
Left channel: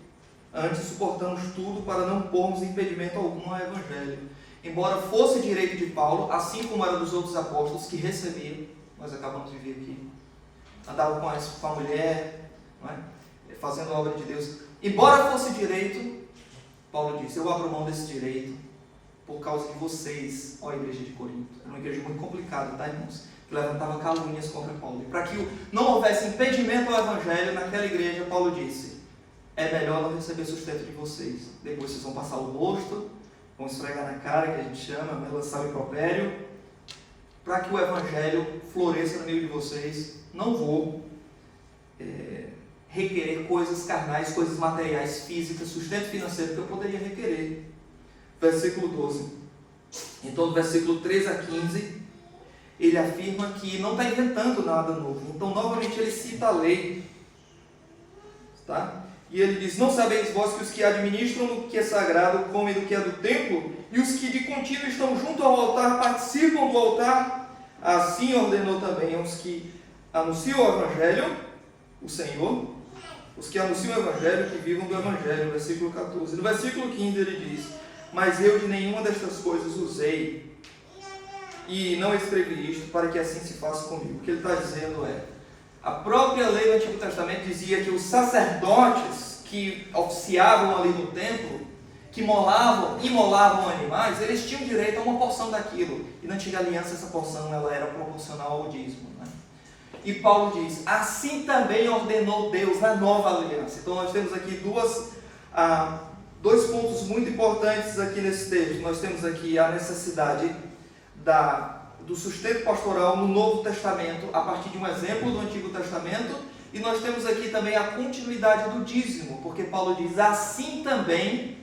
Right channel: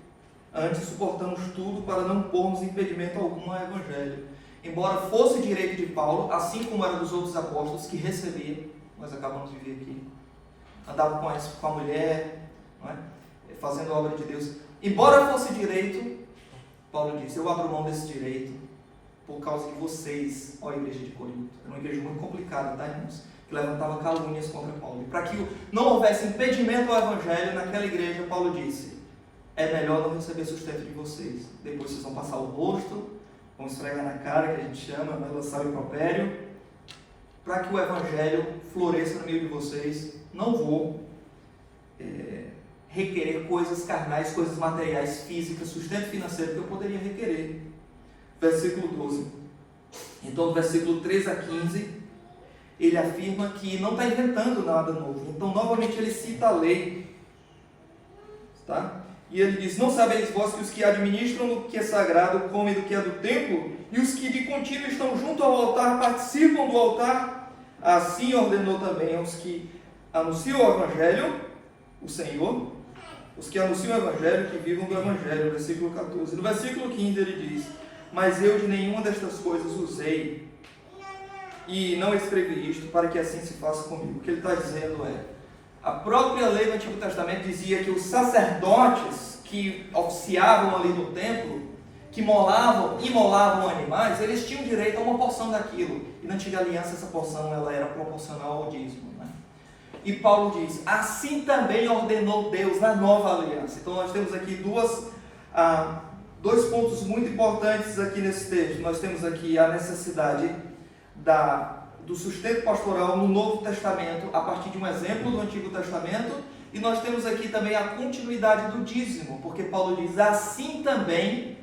antes suportamos tudo para não pormos impedimento algum ao evangelho. Embora fosse direito de Paulo, assim como era dos outros apóstolos que recebiam, nós acabamos de ver aqui, andavam com a mulher, não é? Fazendo a obra de Deus. Embora fosse direito, Paulo disse: eu abro mão desse direito por causa de vocês, ó igreja de Corinto. Era uma igreja muito complicada, tá, irmãos? Que levantava calúnias contra Paulo. E para que não houvesse impedimento ao evangelho naquela igreja, Paulo disse: é melhor não receber sustento de vocês. Depois vocês vão passar o rosto, vão esfregar na cara, que a gente chama, vai lançar o impropério. Para que o evangelho floresça no meio de vocês, não vou requerer coisas carnais, coisas materiais, físicas, sustento financeiro que eu poderia requerer. Versículo 12. Então, do versículo 13 a 15, ele afirma que não está inventando nada novo. Então, novamente, ele cita a lei. Tá? E ele diz: não sabeis vós que os que administram o que é sagrado comem do que é do templo, e os que de contínuo estão junto ao altar participam do altar? Assim ordenou também aos que anunciam o evangelho, o Senhor, os que anunciam o evangelho, que vivam do evangelho. Versículo 14. No versículo 15 ele diz: mas eu de nenhuma destas coisas usei, e não escrevi isto para que assim se faça comigo. O que ele está dizendo é: a própria lei do Antigo Testamento dizia que os sacerdotes que oficiavam ali no templo, que imolavam animais, eles tinham direito a uma porção daquilo. E na Antiga Aliança essa porção ela era proporcional ao dízimo, né? E Paulo diz: assim também ordenou Deus na nova aliança. Então nós temos aqui dois pontos muito importantes aqui nesse texto. Nós temos aqui a necessidade do sustento pastoral no Novo Testamento, a partir de um exemplo do Antigo Testamento, e nós temos aqui também a continuidade do dízimo, porque Paulo diz: assim também,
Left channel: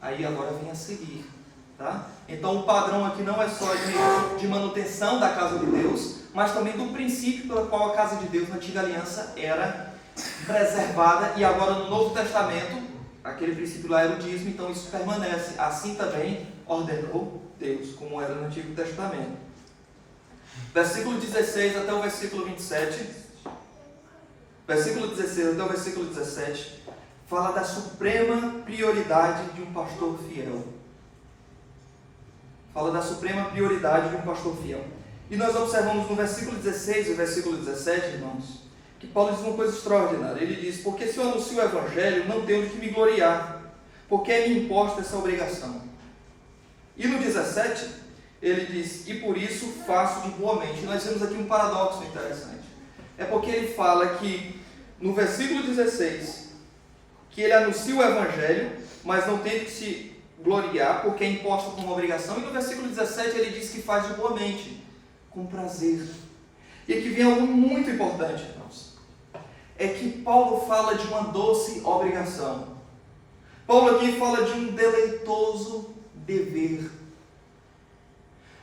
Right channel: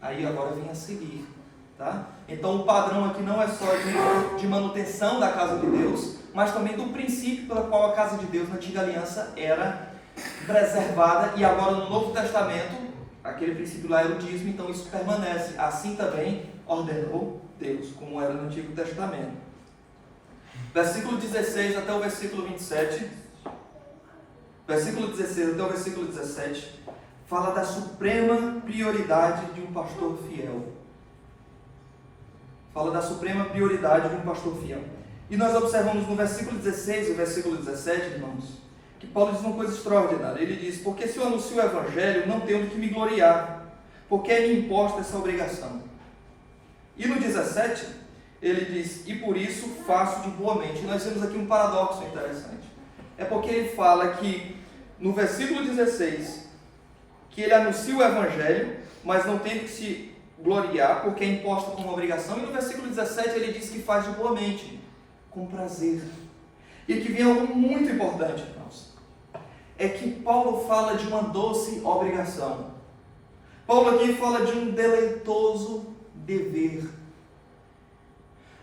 aí agora vem a seguir, tá? Então o padrão aqui não é só de manutenção da casa de Deus, mas também do princípio pelo qual a casa de Deus na Antiga Aliança era preservada, e agora no Novo Testamento, aquele princípio lá era o dízimo, então isso permanece. Assim também ordenou Deus, como era no Antigo Testamento. Versículo 16 até o versículo 27, versículo 16 até o versículo 17, fala da suprema prioridade de um pastor fiel. Fala da suprema prioridade de um pastor fiel. E nós observamos no versículo 16 e versículo 17, irmãos, que Paulo diz uma coisa extraordinária. Ele diz: porque se eu anuncio o evangelho, não tenho de que me gloriar, porque é-me imposta essa obrigação. E no 17, ele diz: e por isso faço de boa mente. E nós temos aqui um paradoxo interessante. É porque ele fala que, no versículo 16, que ele anuncia o evangelho, mas não tem de que se gloriar, porque é imposta como obrigação. E no versículo 17, ele diz que faz de boa mente, com prazer. E aqui vem algo muito importante, irmãos. É que Paulo fala de uma doce obrigação. Paulo aqui fala de um deleitoso dever.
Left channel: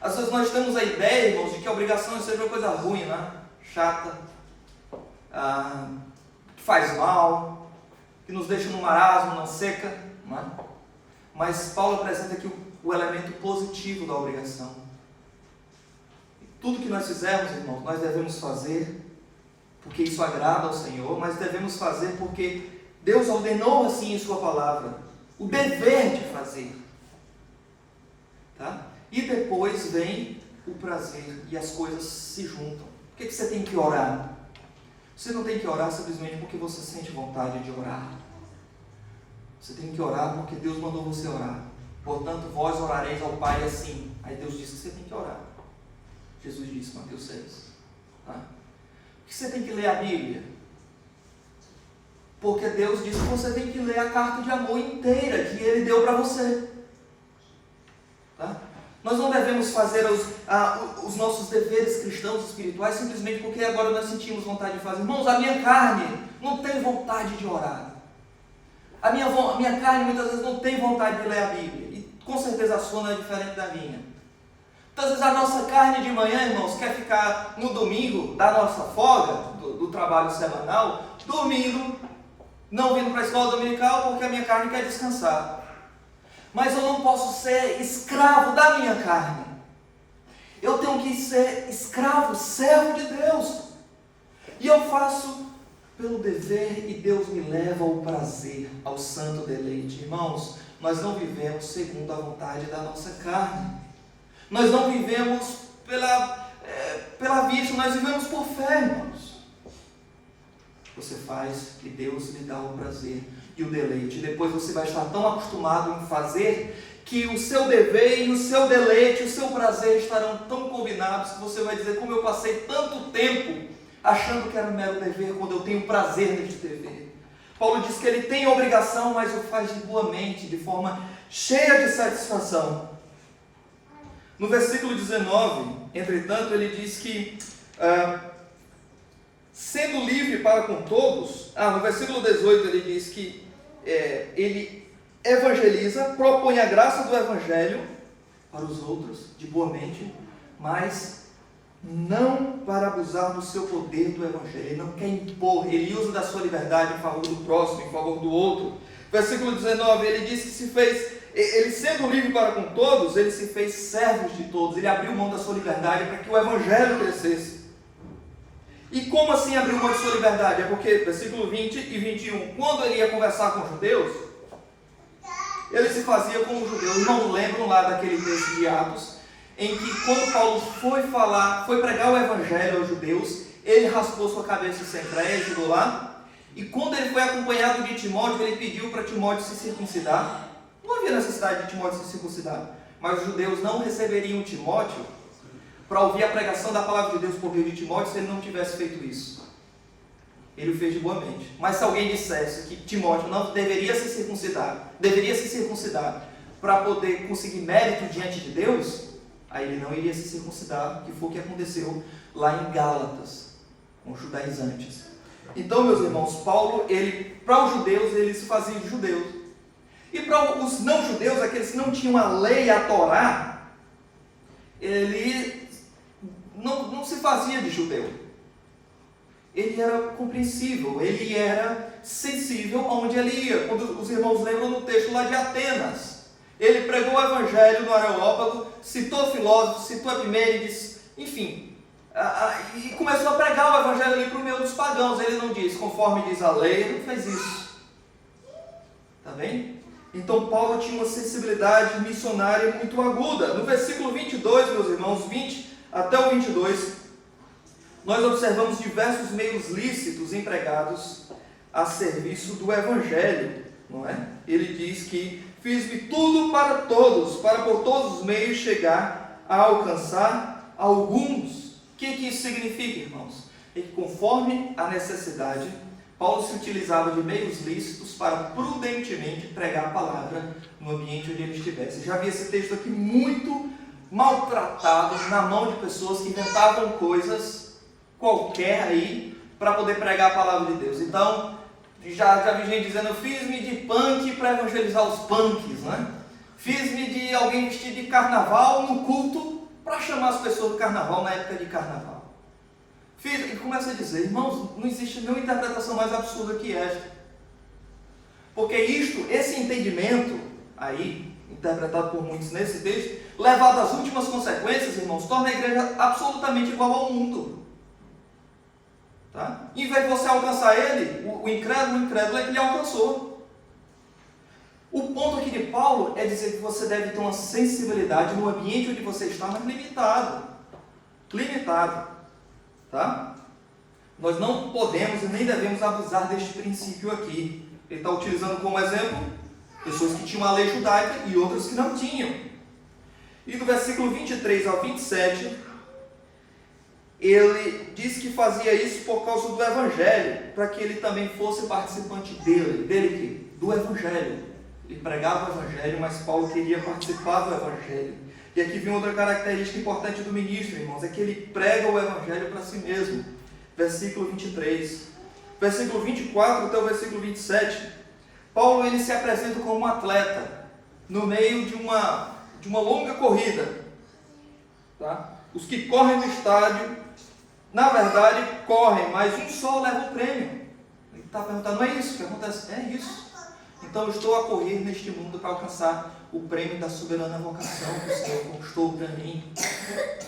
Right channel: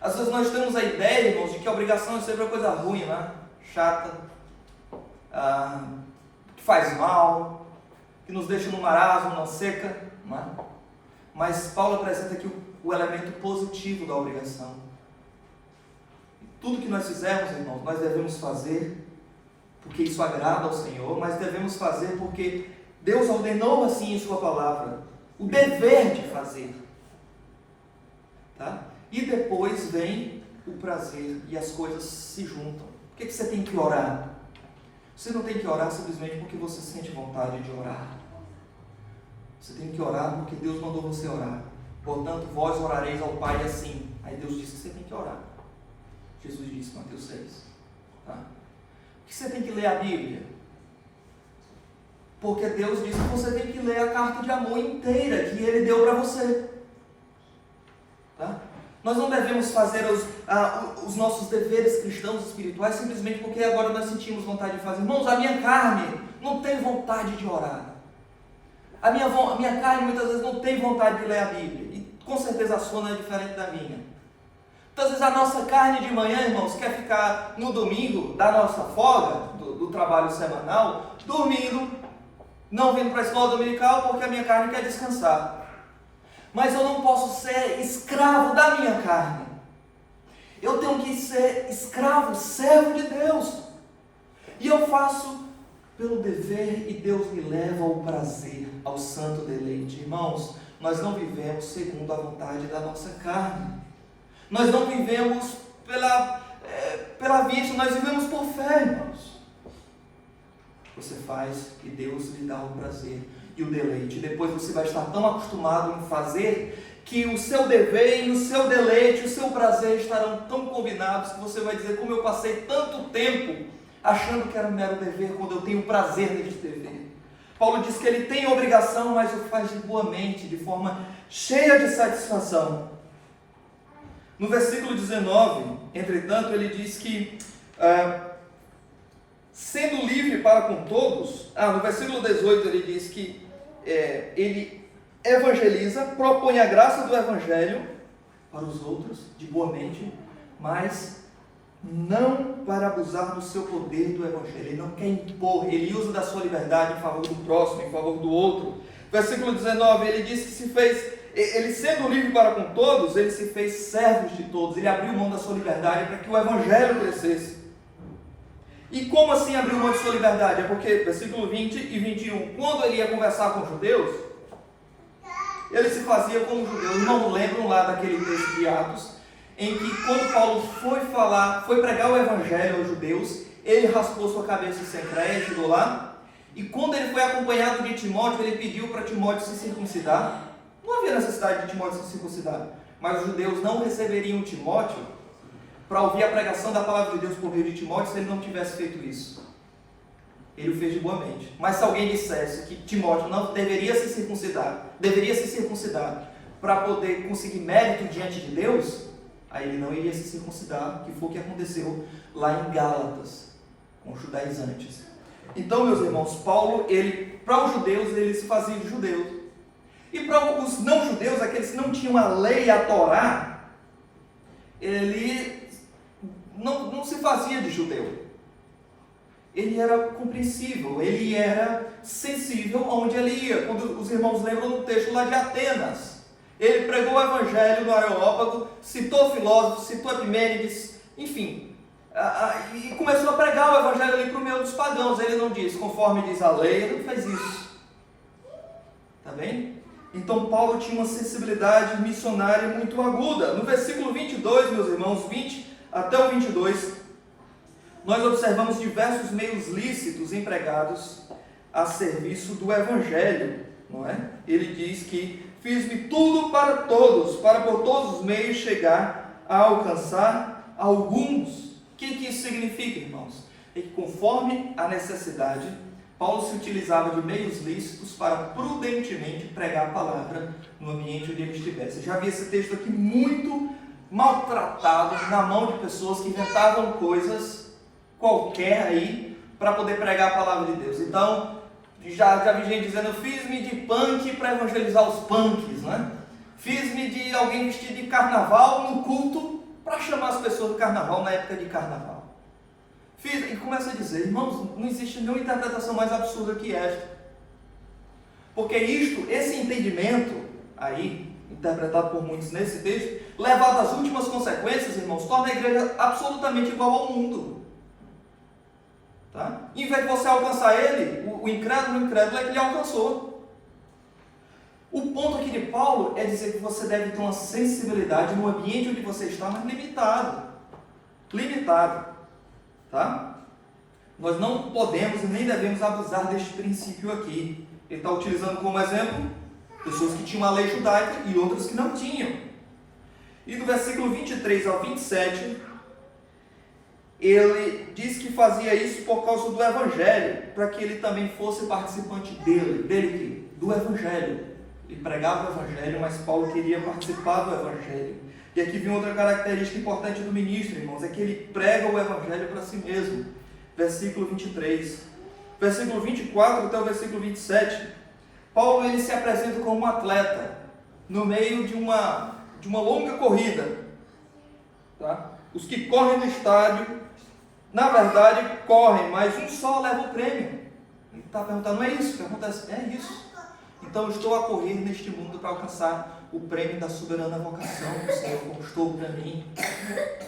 Às vezes nós temos a ideia, irmãos, de que a obrigação é sempre uma coisa ruim, né? Chata, que faz mal, que nos deixa no marasmo, na seca, né? Mas Paulo apresenta aqui o elemento positivo da obrigação. Tudo que nós fizermos, irmãos, nós devemos fazer porque isso agrada ao Senhor, mas devemos fazer porque Deus ordenou assim em sua palavra, o dever de fazer. Tá? E depois vem o prazer e as coisas se juntam. Por que você tem que orar? Você não tem que orar simplesmente porque você sente vontade de orar. Você tem que orar porque Deus mandou você orar. Portanto, vós orareis ao Pai assim. Aí Deus diz que você tem que orar. Jesus disse, Mateus 6. Tá? Por que você tem que ler a Bíblia? Porque Deus disse que você tem que ler a carta de amor inteira que Ele deu para você. Tá? Nós não devemos fazer os nossos deveres cristãos espirituais simplesmente porque agora nós sentimos vontade de fazer. Irmãos, a minha carne não tem vontade de orar. A minha carne muitas vezes não tem vontade de ler a Bíblia. E com certeza a sua não é diferente da minha. Muitas vezes a nossa carne de manhã, irmãos, quer ficar no domingo da nossa folga, do trabalho semanal, dormindo, não vindo para a escola dominical porque a minha carne quer descansar. Mas eu não posso ser escravo da minha carne. Eu tenho que ser escravo, servo de Deus. E eu faço pelo dever e Deus me leva ao prazer, ao santo deleite. Irmãos, nós não vivemos segundo a vontade da nossa carne. Nós não vivemos pela vista, nós vivemos por fé, irmãos. Você faz e Deus lhe dá o prazer e o deleite. Depois você vai estar tão acostumado em fazer que o seu dever e o seu deleite, o seu prazer estarão tão combinados que você vai dizer, como eu passei tanto tempo achando que era um mero dever, quando eu tenho prazer neste dever. Paulo diz que ele tem obrigação, mas o faz de boa mente, de forma cheia de satisfação. No versículo 19, entretanto, ele diz que sendo livre para com todos, no versículo 18 ele diz que ele evangeliza, propõe a graça do evangelho para os outros, de boa mente, mas não para abusar do seu poder do evangelho. Ele não quer impor, ele usa da sua liberdade em favor do próximo, em favor do outro. Versículo 19, ele diz que ele sendo livre para com todos, ele se fez servos de todos, ele abriu mão da sua liberdade para que o evangelho crescesse. E como assim abriu mão de sua liberdade? É porque, versículo 20 e 21, quando ele ia conversar com os judeus, ele se fazia como os judeus. Não lembram lá daquele texto de Atos, em que quando Paulo foi pregar o evangelho aos judeus, ele raspou sua cabeça sem crédito lá, e quando ele foi acompanhado de Timóteo, ele pediu para Timóteo se circuncidar. Não havia necessidade de Timóteo se circuncidar, mas os judeus não receberiam Timóteo para ouvir a pregação da palavra de Deus por meio de Timóteo se ele não tivesse feito isso. Ele o fez de boa mente. Mas se alguém dissesse que Timóteo não deveria se circuncidar para poder conseguir mérito diante de Deus, aí ele não iria se circuncidar, que foi o que aconteceu lá em Gálatas, com os judaizantes. Então, meus irmãos, Paulo, para os judeus, ele se fazia de judeus. E para os não-judeus, aqueles que não tinham a lei, a Torá, ele não se fazia de judeu. Ele era compreensível, ele era sensível aonde ele ia. Quando os irmãos lembram no texto lá de Atenas, ele pregou o evangelho no Areópago, citou filósofos, citou Epimênides, enfim, e começou a pregar o evangelho ali para o meio dos pagãos. Ele não diz, conforme diz a lei, ele não fez isso. Está bem? Então Paulo tinha uma sensibilidade missionária muito aguda. No versículo 22, meus irmãos, 20 até o 22, nós observamos diversos meios lícitos empregados a serviço do evangelho, não é? Ele diz que fiz-me tudo para todos, para por todos os meios chegar a alcançar alguns. O que isso significa, irmãos? É que conforme a necessidade, Paulo se utilizava de meios lícitos para prudentemente pregar a palavra no ambiente onde ele estivesse. Já vi esse texto aqui muito maltratado na mão de pessoas que inventavam coisas qualquer aí para poder pregar a palavra de Deus. Então, já vi gente dizendo, fiz-me de punk para evangelizar os punks, né? Fiz-me de alguém vestido de carnaval no culto para chamar as pessoas do carnaval na época de carnaval. E começa a dizer, irmãos, não existe nenhuma interpretação mais absurda que esta. Porque esse entendimento aí, interpretado por muitos nesse texto, levado às últimas consequências, irmãos, torna a igreja absolutamente igual ao mundo. Tá? Em vez de você alcançar ele, o incrédulo é que ele alcançou. O ponto aqui de Paulo é dizer que você deve ter uma sensibilidade no ambiente onde você está, mas limitado. Tá? Nós não podemos e nem devemos abusar deste princípio aqui. Ele está utilizando como exemplo pessoas que tinham a lei judaica e outras que não tinham. E do versículo 23 ao 27, ele diz que fazia isso por causa do Evangelho, para que ele também fosse participante do Evangelho. Ele pregava o Evangelho, mas Paulo queria participar do Evangelho. E aqui vem outra característica importante do ministro, irmãos, é que ele prega o Evangelho para si mesmo. Versículo 23. Versículo 24 até o versículo 27. Paulo ele se apresenta como um atleta no meio de uma longa corrida. Tá? Os que correm no estádio, na verdade, correm, mas um só leva o prêmio. Ele está perguntando, não é isso que acontece? É isso. Então eu estou a correr neste mundo para alcançar o prêmio da soberana vocação que o Senhor conquistou para mim.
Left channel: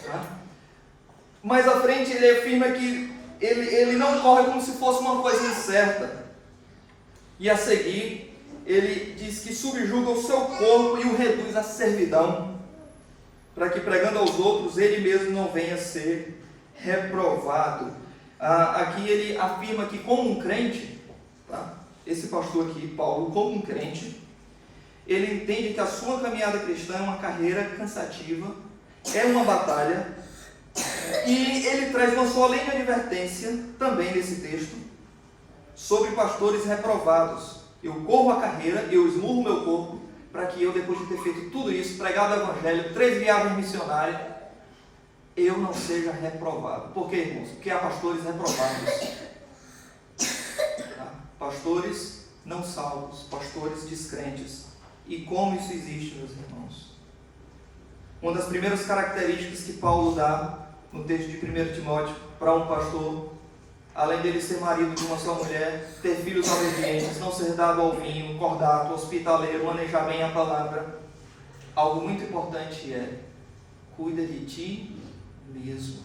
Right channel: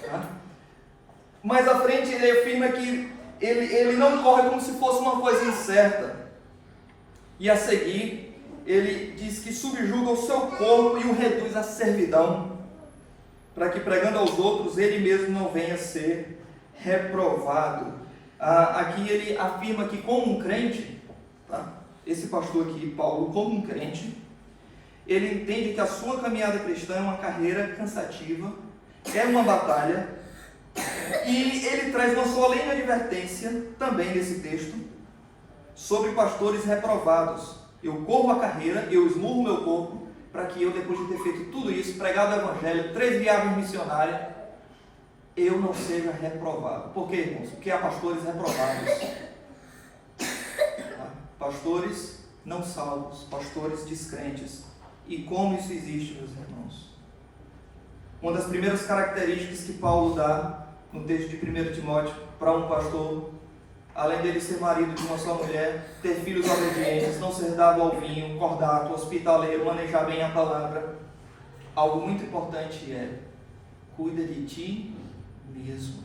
Tá? Mais à frente ele afirma que ele não corre como se fosse uma coisa incerta. E a seguir, ele diz que subjuga o seu corpo e o reduz à servidão, para que pregando aos outros, ele mesmo não venha a ser reprovado. Aqui ele afirma que como um crente, tá? Esse pastor aqui, Paulo, como um crente, ele entende que a sua caminhada cristã é uma carreira cansativa, é uma batalha, e ele traz uma solene advertência, também nesse texto, sobre pastores reprovados. Eu corro a carreira, eu esmurro meu corpo, para que eu, depois de ter feito tudo isso, pregado o Evangelho, 3 viagens missionárias, eu não seja reprovado. Por quê, irmãos? Porque há pastores reprovados. Tá? Pastores não salvos, pastores descrentes. E como isso existe, meus irmãos? Uma das primeiras características que Paulo dá no texto de 1 Timóteo para um pastor, além dele ser marido de uma só mulher, ter filhos obedientes, não ser dado ao vinho, cordato, hospitaleiro, manejar bem a palavra, algo muito importante é: cuida de ti mesmo.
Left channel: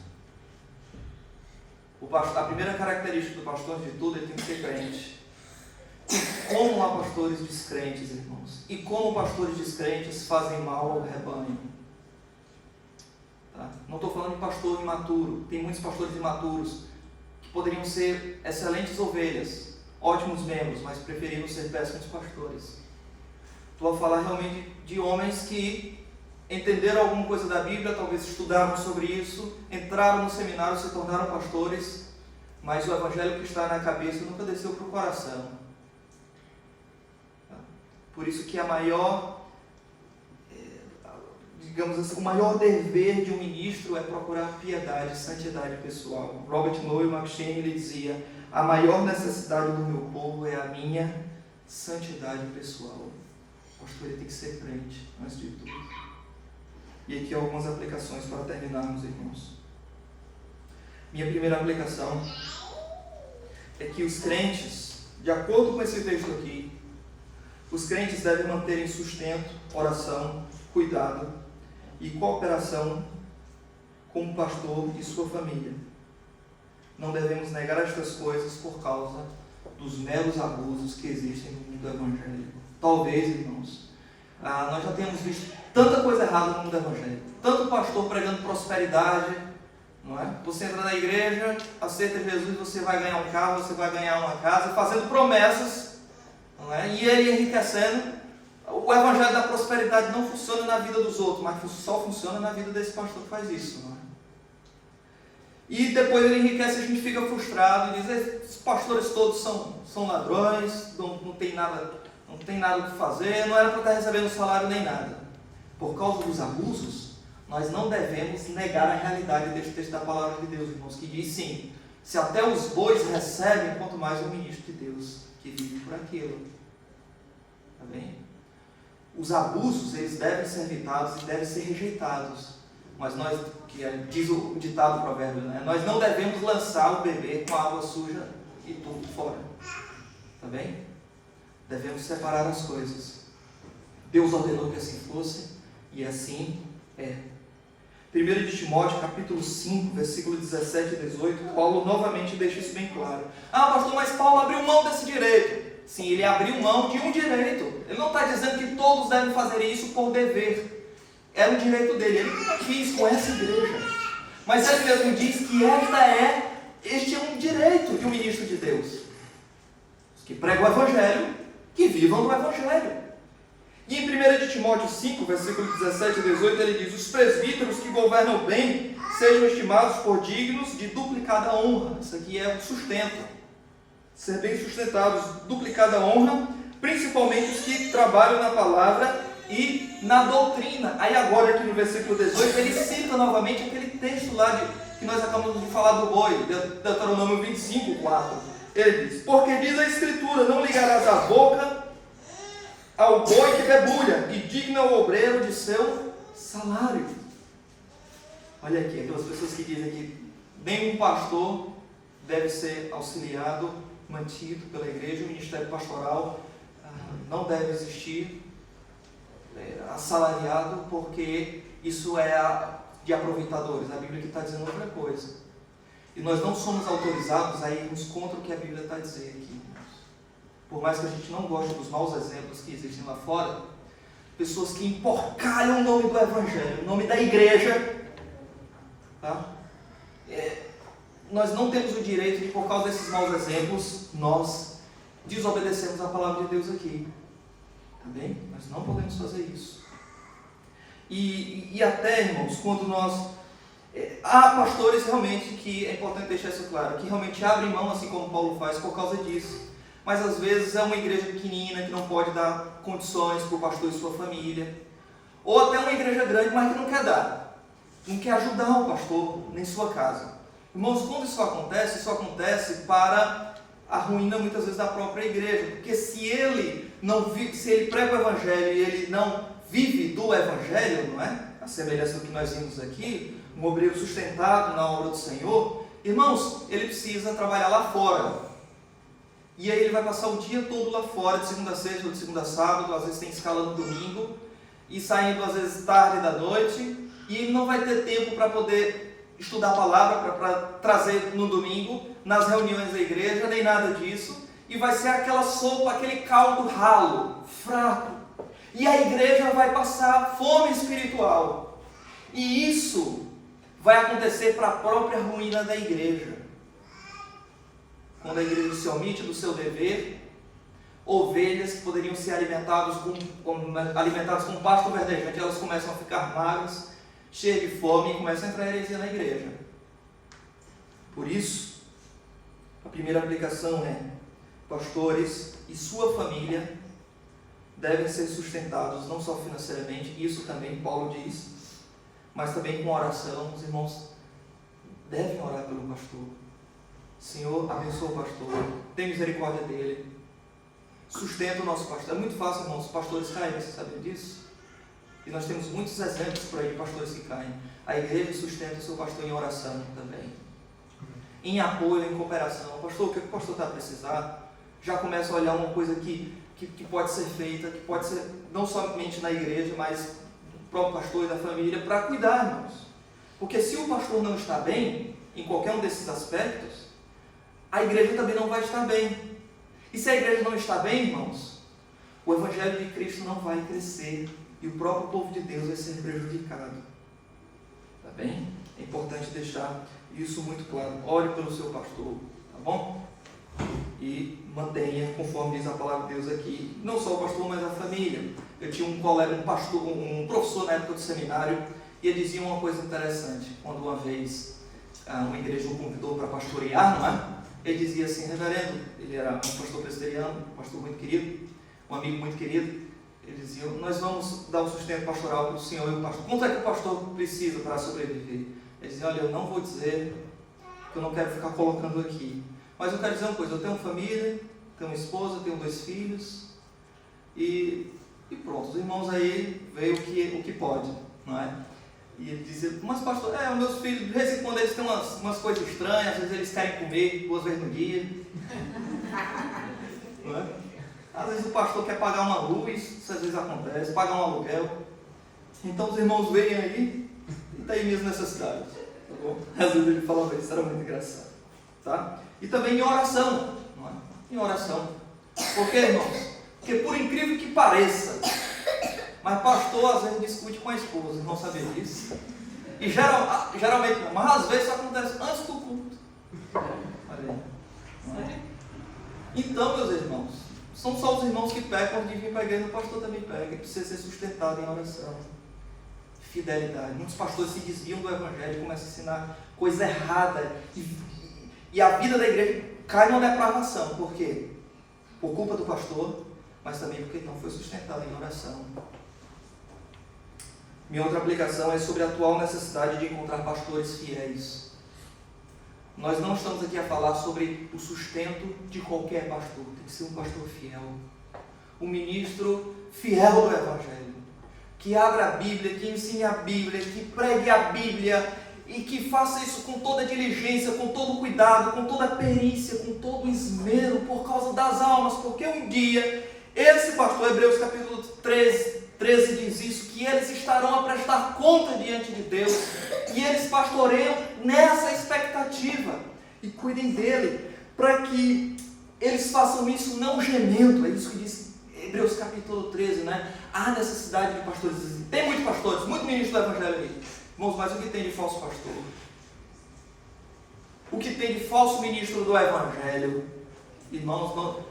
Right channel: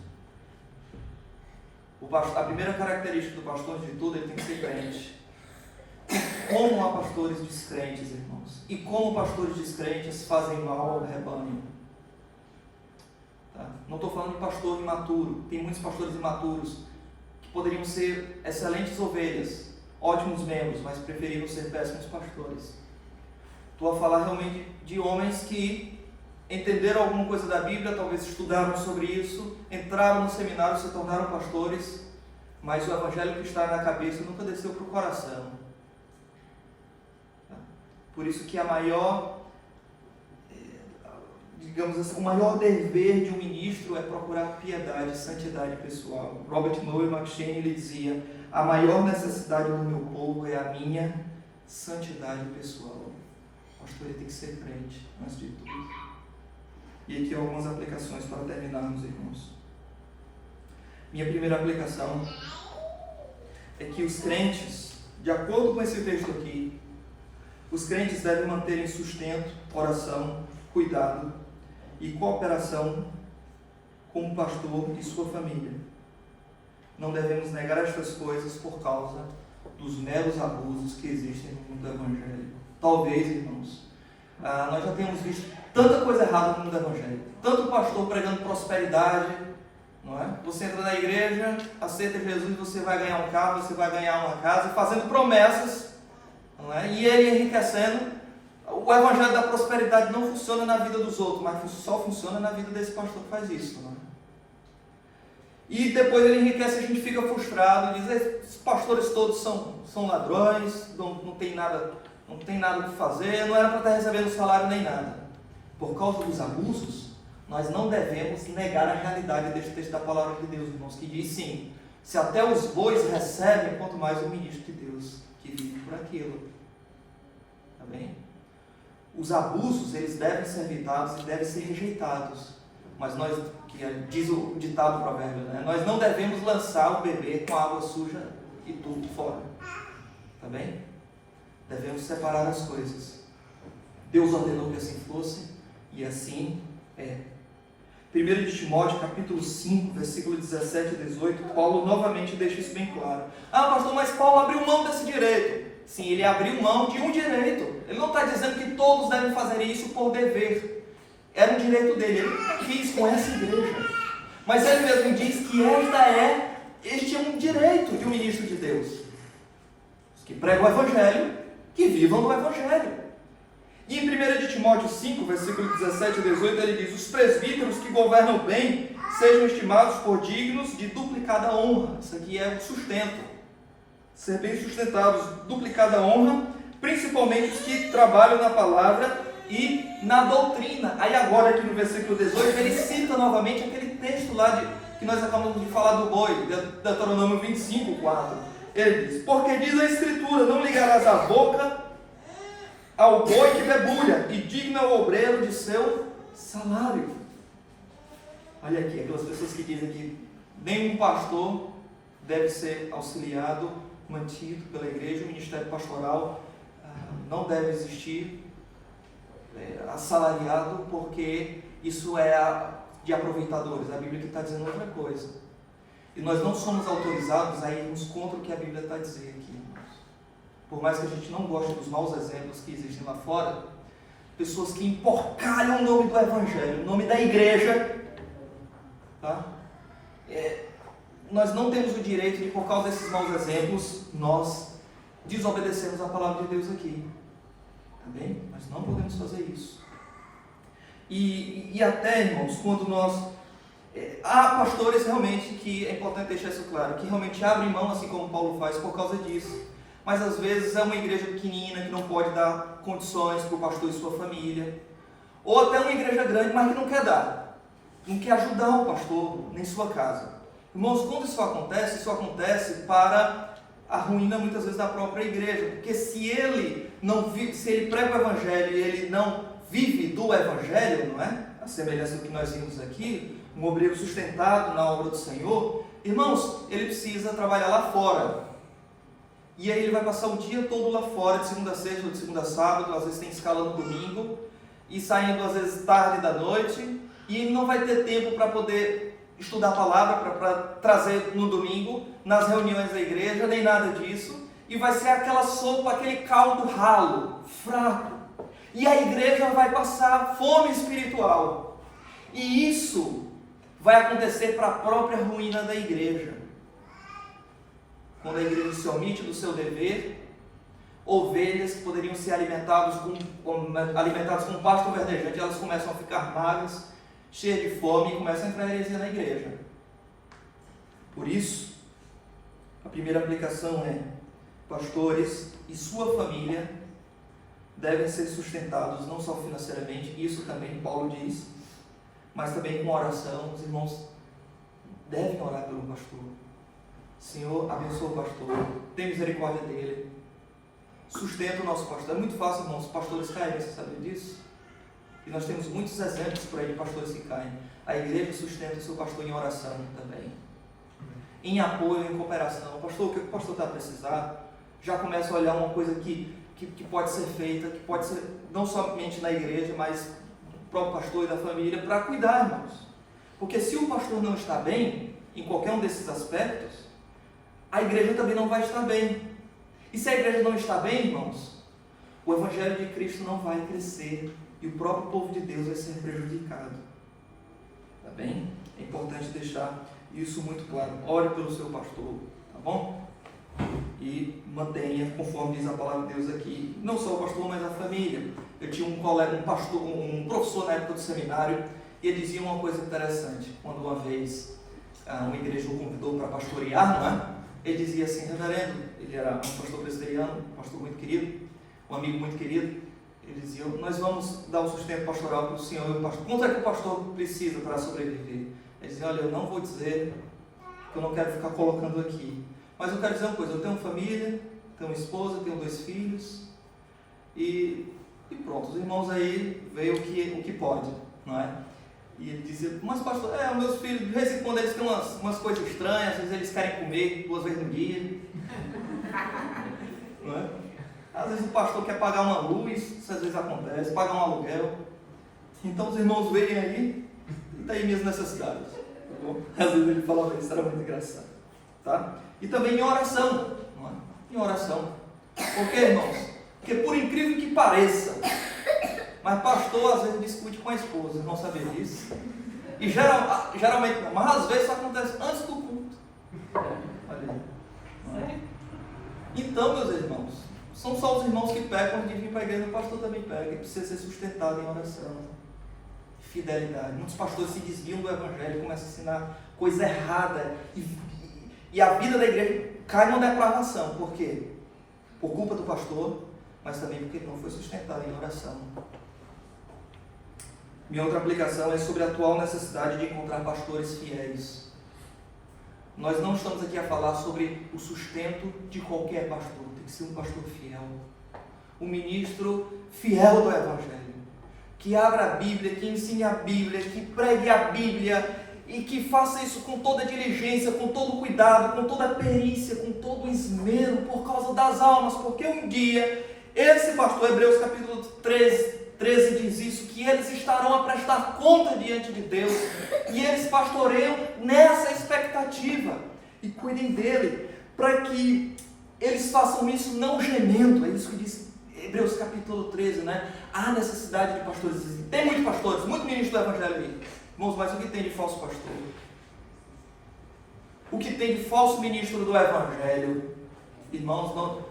A primeira característica do pastor, de tudo, ele tem que ser crente. E como há pastores descrentes, irmãos, e como pastores descrentes fazem mal ao rebanho. Tá? Não estou falando de pastor imaturo, tem muitos pastores imaturos que poderiam ser excelentes ovelhas, ótimos membros, mas preferiram ser péssimos pastores. Estou a falar realmente de homens que entenderam alguma coisa da Bíblia, talvez estudaram sobre isso, entraram no seminário, se tornaram pastores, mas o Evangelho que está na cabeça nunca desceu para o coração. Por isso que a maior, digamos assim, o maior dever de um ministro é procurar piedade, santidade pessoal. Robert Noah McCheyne, ele dizia: a maior necessidade do meu povo é a minha santidade pessoal. O pastor ele tem que ser crente, antes de tudo. E aqui algumas aplicações para terminarmos, irmãos. Minha primeira aplicação é que os crentes, de acordo com esse texto aqui, os crentes devem manter em sustento, oração, cuidado e cooperação com o pastor e sua família. Não devemos negar estas coisas por causa dos meros abusos que existem no mundo evangélico. Talvez, irmãos, nós já temos visto tanta coisa errada no mundo evangélico, tanto pastor pregando prosperidade, não é? Você entra na igreja, aceita Jesus, você vai ganhar um carro, você vai ganhar uma casa, fazendo promessas, não é? E ele enriquecendo. O evangelho da prosperidade não funciona na vida dos outros, mas só funciona na vida desse pastor que faz isso, não é? E depois ele enriquece, a gente fica frustrado e diz: esses pastores todos são ladrões, não tem nada o que fazer, não era para estar recebendo salário nem nada. Por causa dos abusos, nós não devemos negar a realidade deste texto da palavra de Deus, irmãos, que diz sim: se até os bois recebem, quanto mais o ministro de Deus, que vive por aquilo. Tá bem? Os abusos, eles devem ser evitados e devem ser rejeitados. mas diz o ditado provérbio, né? Nós não devemos lançar o bebê com água suja e tudo fora. Tá bem? Devemos separar as coisas. Deus ordenou que assim fosse, e assim é. 1 de Timóteo, capítulo 5, versículo 17 e 18, Paulo novamente deixa isso bem claro. Ah, pastor, mas Paulo abriu mão desse direito. Sim, ele abriu mão de um direito. Ele não está dizendo que todos devem fazer isso por dever. Era um direito dele, ele não quis com essa igreja. Mas ele mesmo diz que este é um direito de um ministro de Deus. Os que pregam o Evangelho, que vivam no Evangelho. E em 1 de Timóteo 5, versículo 17 e 18, ele diz: os presbíteros que governam bem sejam estimados por dignos de duplicada honra. Isso aqui é o sustento. Ser bem sustentados, duplicada honra, principalmente os que trabalham na palavra e na doutrina. Aí agora aqui no versículo 18, ele cita novamente aquele texto lá que nós acabamos de falar do boi, Deuteronômio 25, 4. Ele diz: porque diz a Escritura, não ligarás a boca ao boi que debulha, e digna o obreiro de seu salário. Olha aqui, aquelas pessoas que dizem que nenhum pastor deve ser auxiliado, mantido pela igreja, o ministério pastoral não deve existir assalariado, porque isso é de aproveitadores. A Bíblia está dizendo outra coisa. E nós não somos autorizados a irmos contra o que a Bíblia está dizendo aqui. Por mais que a gente não goste dos maus exemplos que existem lá fora, pessoas que emporcalham o nome do Evangelho, o nome da igreja, tá? Nós não temos o direito de, por causa desses maus exemplos, nós desobedecermos a palavra de Deus aqui. Tá bem? Nós não podemos fazer isso. E até, irmãos, quando nós... há pastores realmente que, é importante deixar isso claro, que realmente abrem mão, assim como Paulo faz, por causa disso. Mas às vezes é uma igreja pequenina que não pode dar condições para o pastor e sua família. Ou até uma igreja grande, mas que não quer dar. Não quer ajudar o pastor, nem sua casa. Irmãos, quando isso acontece para a ruína muitas vezes da própria igreja. Porque se ele prega o Evangelho e ele não vive do Evangelho, não é? A semelhança do que nós vimos aqui, um obreiro sustentado na obra do Senhor, irmãos, ele precisa trabalhar lá fora. E aí ele vai passar o dia todo lá fora, de segunda a sexta ou de segunda a sábado, às vezes tem escala no domingo, e saindo às vezes tarde da noite, e ele não vai ter tempo para poder estudar a palavra, para trazer no domingo, nas reuniões da igreja, nem nada disso, e vai ser aquela sopa, aquele caldo ralo, fraco, e a igreja vai passar fome espiritual, e isso vai acontecer para a própria ruína da igreja. Quando a igreja se omite do seu dever, ovelhas que poderiam ser alimentadas com pasto verdejante, elas começam a ficar magras, cheias de fome e começam a entrar heresia na igreja. Por isso, a primeira aplicação é: pastores e sua família devem ser sustentados não só financeiramente, isso também Paulo diz, mas também com oração. Os irmãos devem orar pelo pastor. Senhor, abençoa o pastor, tem misericórdia dele, sustenta o nosso pastor. É muito fácil, irmãos, os pastores caírem, você sabe disso? E nós temos muitos exemplos por aí de pastores que caem. A igreja sustenta o seu pastor em oração também, em apoio, em cooperação. Pastor, o que o pastor está a precisar? Já começa a olhar uma coisa que pode ser feita, que pode ser não somente na igreja, mas do próprio pastor e da família, para cuidar, irmãos. Porque se o pastor não está bem, em qualquer um desses aspectos, a igreja também não vai estar bem. E se a igreja não está bem, irmãos, o Evangelho de Cristo não vai crescer e o próprio povo de Deus vai ser prejudicado. Tá bem? É importante deixar isso muito claro. Ore pelo seu pastor, tá bom? E mantenha, conforme diz a palavra de Deus aqui, não só o pastor, mas a família. Eu tinha um colega, um professor na época do seminário, e ele dizia uma coisa interessante. Quando uma vez uma igreja o convidou para pastorear, não é? Ele dizia assim: reverendo, ele era um pastor presbiteriano, um pastor muito querido, um amigo muito querido. Ele dizia: nós vamos dar um sustento pastoral para o senhor e o pastor. Quanto é que o pastor precisa para sobreviver? Ele dizia: olha, eu não vou dizer, que eu não quero ficar colocando aqui, mas eu quero dizer uma coisa: eu tenho família, tenho uma esposa, tenho 2 filhos, e pronto, os irmãos aí veem o que pode, não é? E ele dizia, mas pastor, os meus filhos, de vez em quando eles têm umas coisas estranhas, às vezes eles querem comer 2 vezes no dia. Não é? Às vezes o pastor quer pagar uma luz, isso às vezes acontece, pagar um aluguel. Então os irmãos veem aí, e tá aí minhas necessidades. Tá bom? Às vezes ele falava isso, era muito engraçado. Tá? E também em oração. Não é? Em oração. Por quê, irmãos? Porque por incrível que pareça, mas pastor às vezes discute com a esposa, não sabia disso. E geralmente não, mas às vezes isso acontece antes do culto. Olha aí. Não é? Então, meus irmãos, são só os irmãos que pecam antes de vir para a igreja, o pastor também pega e precisa ser sustentado em oração. Fidelidade. Muitos pastores se desviam do evangelho, começam a ensinar coisa errada e a vida da igreja cai numa depravação. Por quê? Por culpa do pastor, mas também porque não foi sustentado em oração. Minha outra aplicação é sobre a atual necessidade de encontrar pastores fiéis. Nós não estamos aqui a falar sobre o sustento de qualquer pastor, tem que ser um pastor fiel. Um ministro fiel do evangelho, que abra a Bíblia, que ensine a Bíblia, que pregue a Bíblia e que faça isso com toda diligência, com todo cuidado, com toda perícia, com todo esmero, por causa das almas, porque um dia, esse pastor, Hebreus capítulo 13 diz isso, que eles estarão a prestar conta diante de Deus, e eles pastoreiam nessa expectativa, e cuidem dele, para que eles façam isso não gemendo. É isso que diz Hebreus capítulo 13, né? Há necessidade de pastores, tem muitos pastores, muito ministro do evangelho aí, irmãos, mas o que tem de falso pastor? O que tem de falso ministro do evangelho, irmãos,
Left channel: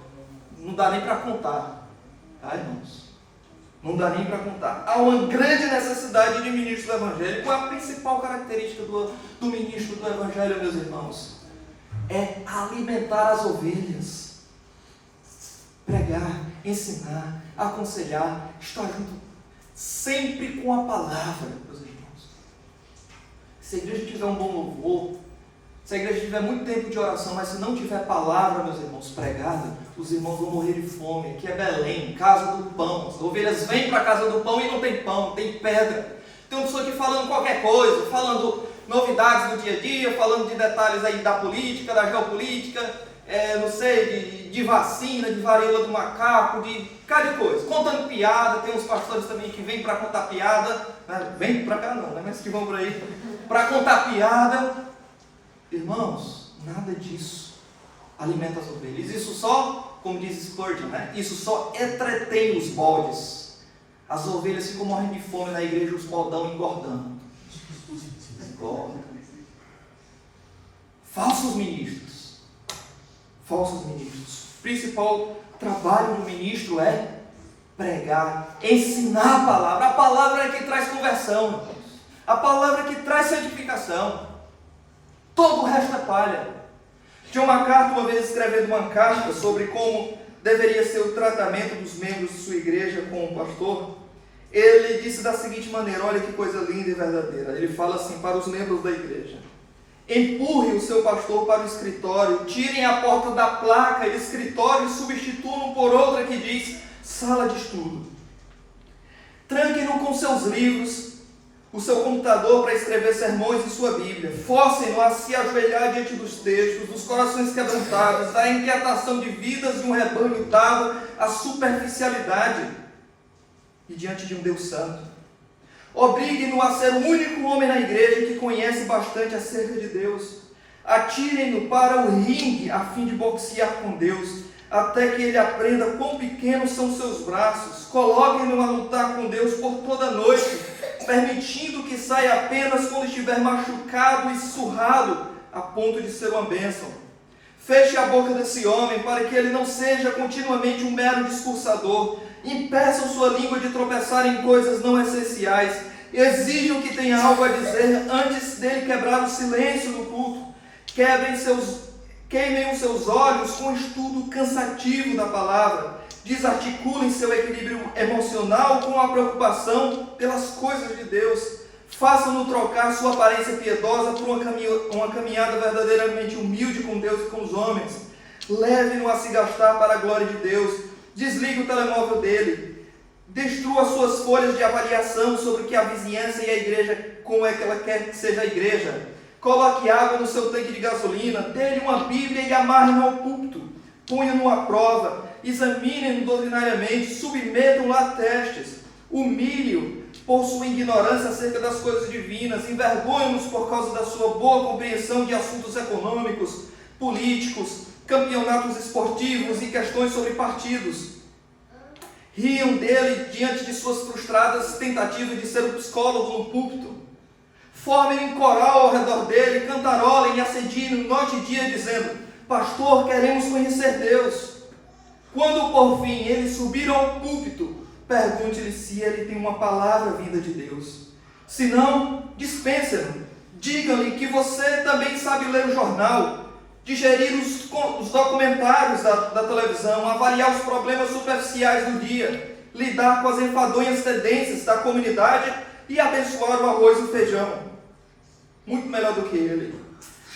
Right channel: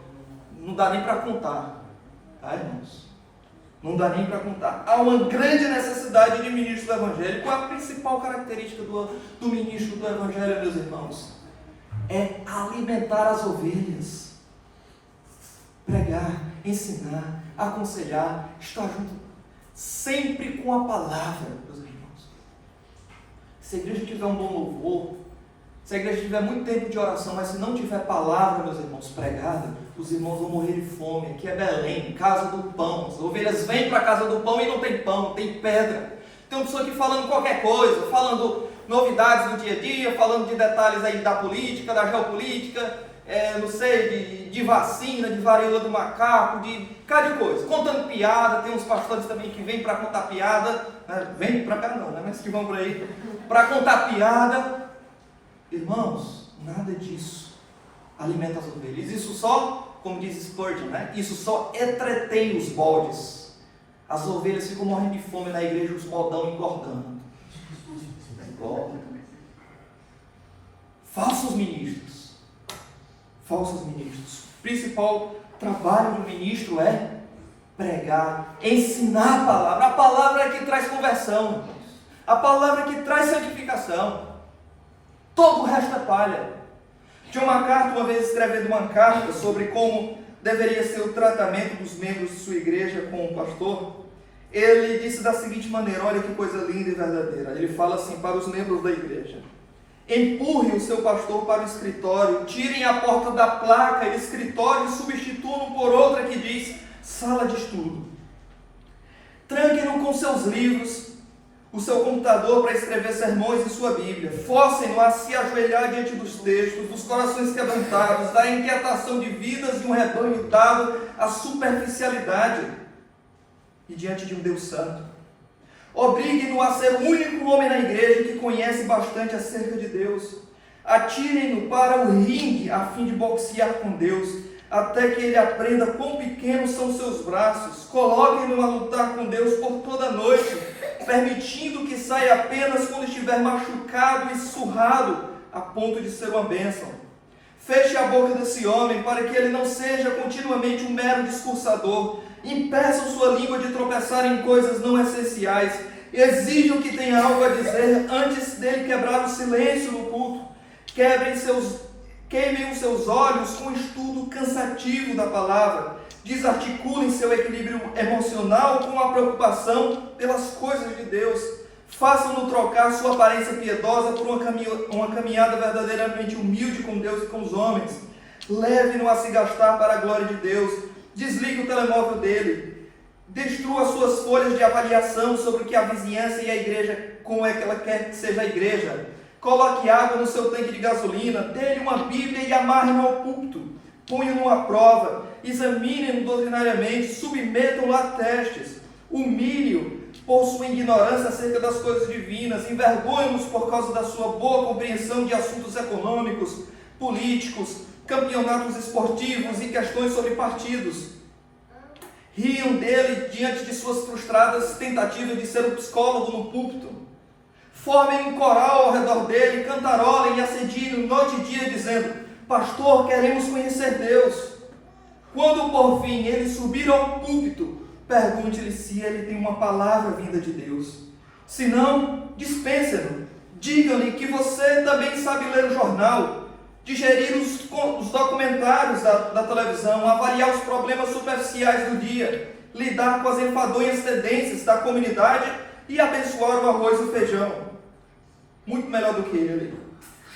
não dá nem para contar, tá, irmãos? Não dá nem para contar. Há uma grande necessidade de ministro do evangelho. Qual é a principal característica do ministro do evangelho, meus irmãos? É alimentar as ovelhas, pregar, ensinar, aconselhar, estar junto sempre com a palavra, meus irmãos. Se a igreja tiver um bom louvor, se a igreja tiver muito tempo de oração, mas se não tiver palavra, meus irmãos, pregada, os irmãos vão morrer de fome. Aqui é Belém, casa do pão. As ovelhas vêm para a casa do pão e não tem pão, tem pedra. Tem uma pessoa aqui falando qualquer coisa, falando novidades do dia a dia, falando de detalhes aí da política, da geopolítica, não sei, de vacina, de varíola do macaco, de cada coisa. Contando piada, tem uns pastores também que vêm para contar piada, né? Vêm para cá não, né? Mas que vão por aí, para contar piada. Irmãos, nada disso alimenta as ovelhas. Isso só, como diz Spurgeon, né? Isso só entretém os bodes. As ovelhas ficam morrendo de fome na igreja, os bodão engordando. Engordam. Falsos ministros. Falsos ministros. O principal trabalho do ministro é pregar, ensinar a palavra. A palavra é que traz conversão, irmãos. A palavra é que traz santificação. Todo o resto é palha. John MacArthur, uma vez escrevendo uma carta sobre como deveria ser o tratamento dos membros de sua igreja com o pastor, ele disse da seguinte maneira, olha que coisa linda e verdadeira. Ele fala assim para os membros da igreja: empurre o seu pastor para o escritório, tirem a porta da placa escritório e substituam por outra que diz sala de estudo. Tranquem-no com seus livros, o seu computador para escrever sermões em sua Bíblia. Forcem-no a se ajoelhar diante dos textos, dos corações quebrantados, da inquietação de vidas de um rebanho dado à superficialidade e diante de um Deus santo. Obriguem-no a ser o único homem na igreja que conhece bastante acerca de Deus. Atirem-no para o ringue a fim de boxear com Deus, até que ele aprenda quão pequenos são seus braços. Coloquem-no a lutar com Deus por toda a noite, permitindo que saia apenas quando estiver machucado e surrado, a ponto de ser uma bênção. Feche a boca desse homem, para que ele não seja continuamente um mero discursador. Impeçam sua língua de tropeçar em coisas não essenciais. Exijam que tenha algo a dizer antes dele quebrar o silêncio no culto. Queimem os seus olhos com o estudo cansativo da palavra. Desarticulem seu equilíbrio emocional com a preocupação pelas coisas de Deus. Façam-no trocar sua aparência piedosa por uma caminhada verdadeiramente humilde com Deus e com os homens. Leve-no a se gastar para a glória de Deus. Desligue o telemóvel dele. Destrua suas folhas de avaliação sobre o que a vizinhança e a igreja, como é que ela quer que seja a igreja. Coloque água no seu tanque de gasolina, dê-lhe uma Bíblia e amarre-no ao púlpito. Ponham-no à prova, examinem-no doutrinariamente, submetam-no a testes. Humilhe-o por sua ignorância acerca das coisas divinas, envergonhem-nos por causa da sua boa compreensão de assuntos econômicos, políticos, campeonatos esportivos e questões sobre partidos. Riam dele diante de suas frustradas tentativas de ser um psicólogo no púlpito. Formem um coral ao redor dele, cantarolem e assediem noite e dia, dizendo: pastor, queremos conhecer Deus. Quando por fim ele subir ao púlpito, pergunte-lhe se ele tem uma palavra vinda de Deus. Se não, dispense-no. Diga-lhe que você também sabe ler o jornal, digerir os documentários da televisão, avaliar os problemas superficiais do dia, lidar com as enfadonhas tendências da comunidade e abençoar o arroz e o feijão. Muito melhor do que ele.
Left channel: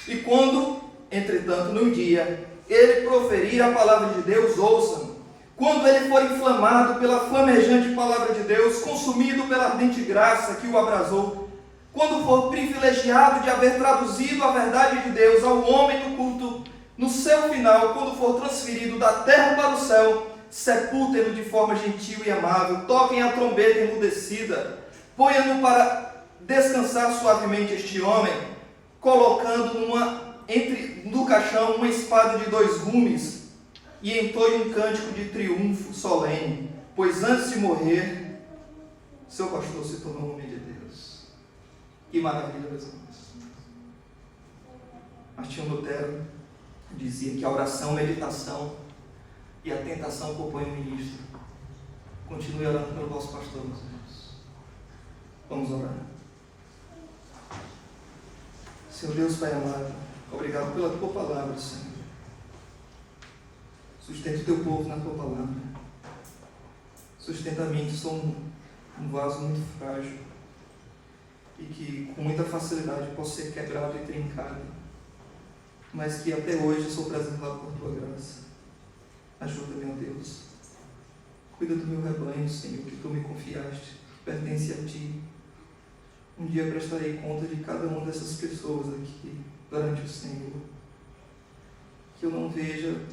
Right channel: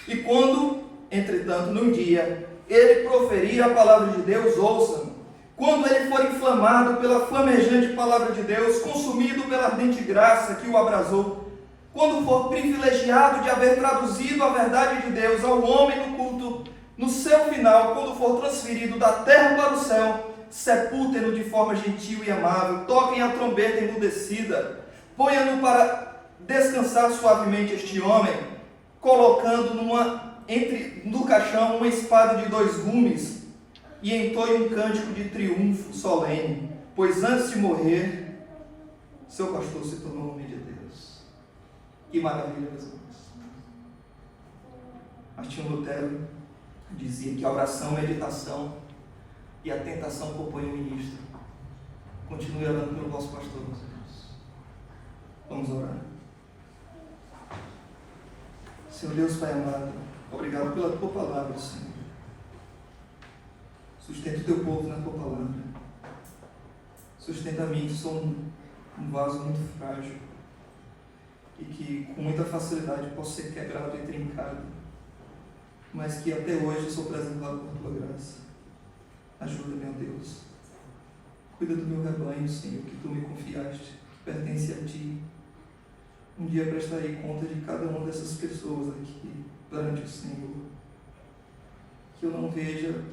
E quando, entretanto, num dia, ele proferir a palavra de Deus, ouçam. Quando ele for inflamado pela flamejante palavra de Deus, consumido pela ardente graça que o abrasou, quando for privilegiado de haver traduzido a verdade de Deus ao homem no culto, no seu final, quando for transferido da terra para o céu, sepultem-no de forma gentil e amável, toquem a trombeta emudecida, ponham-no para descansar suavemente este homem, colocando no caixão uma espada de 2 gumes, e entoie um cântico de triunfo solene, pois antes de morrer, seu pastor se tornou homem de Deus. Que maravilha, meus irmãos. Martinho Lutero dizia que a oração, meditação e a tentação compõem o ministro. Continue orando pelo vosso pastor, meus irmãos. Vamos orar. Senhor Deus, Pai amado, obrigado pela Tua palavra, Senhor. Sustenta o Teu povo na Tua palavra. Sustenta a mim, que sou um vaso muito frágil e que com muita facilidade posso ser quebrado e trincado, mas que até hoje sou preservado por Tua graça. Ajuda-me, ó Deus. Cuida do meu rebanho, Senhor, que Tu me confiaste, que pertence a Ti. Um dia prestarei conta de cada uma dessas pessoas aqui perante o Senhor. Que eu não veja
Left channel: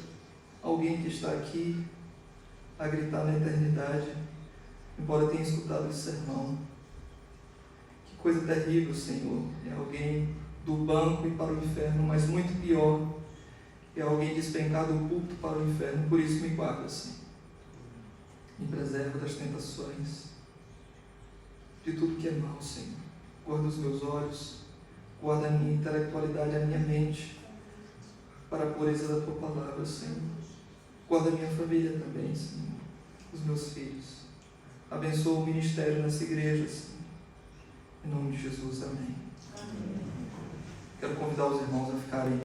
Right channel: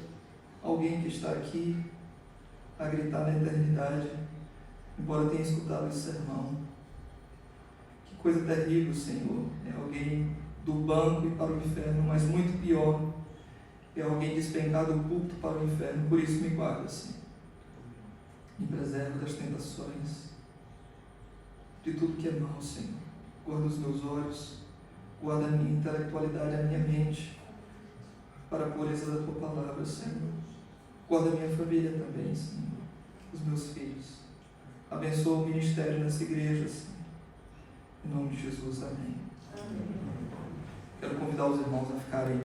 alguém que está aqui a gritar na eternidade, embora tenha escutado esse sermão. Que coisa terrível, Senhor. É alguém do banco e para o inferno, mas muito pior, é alguém despencado do púlpito para o inferno. Por isso me guarda, Senhor. Me preserva das tentações, de tudo que é mal, Senhor. Guarda os meus olhos, guarda a minha intelectualidade, a minha mente, para a pureza da Tua palavra, Senhor. Guarda a minha família também, Senhor, os meus filhos. Abençoa o ministério nessa igreja, Senhor. Em nome de Jesus, amém. Quero convidar os irmãos a ficarem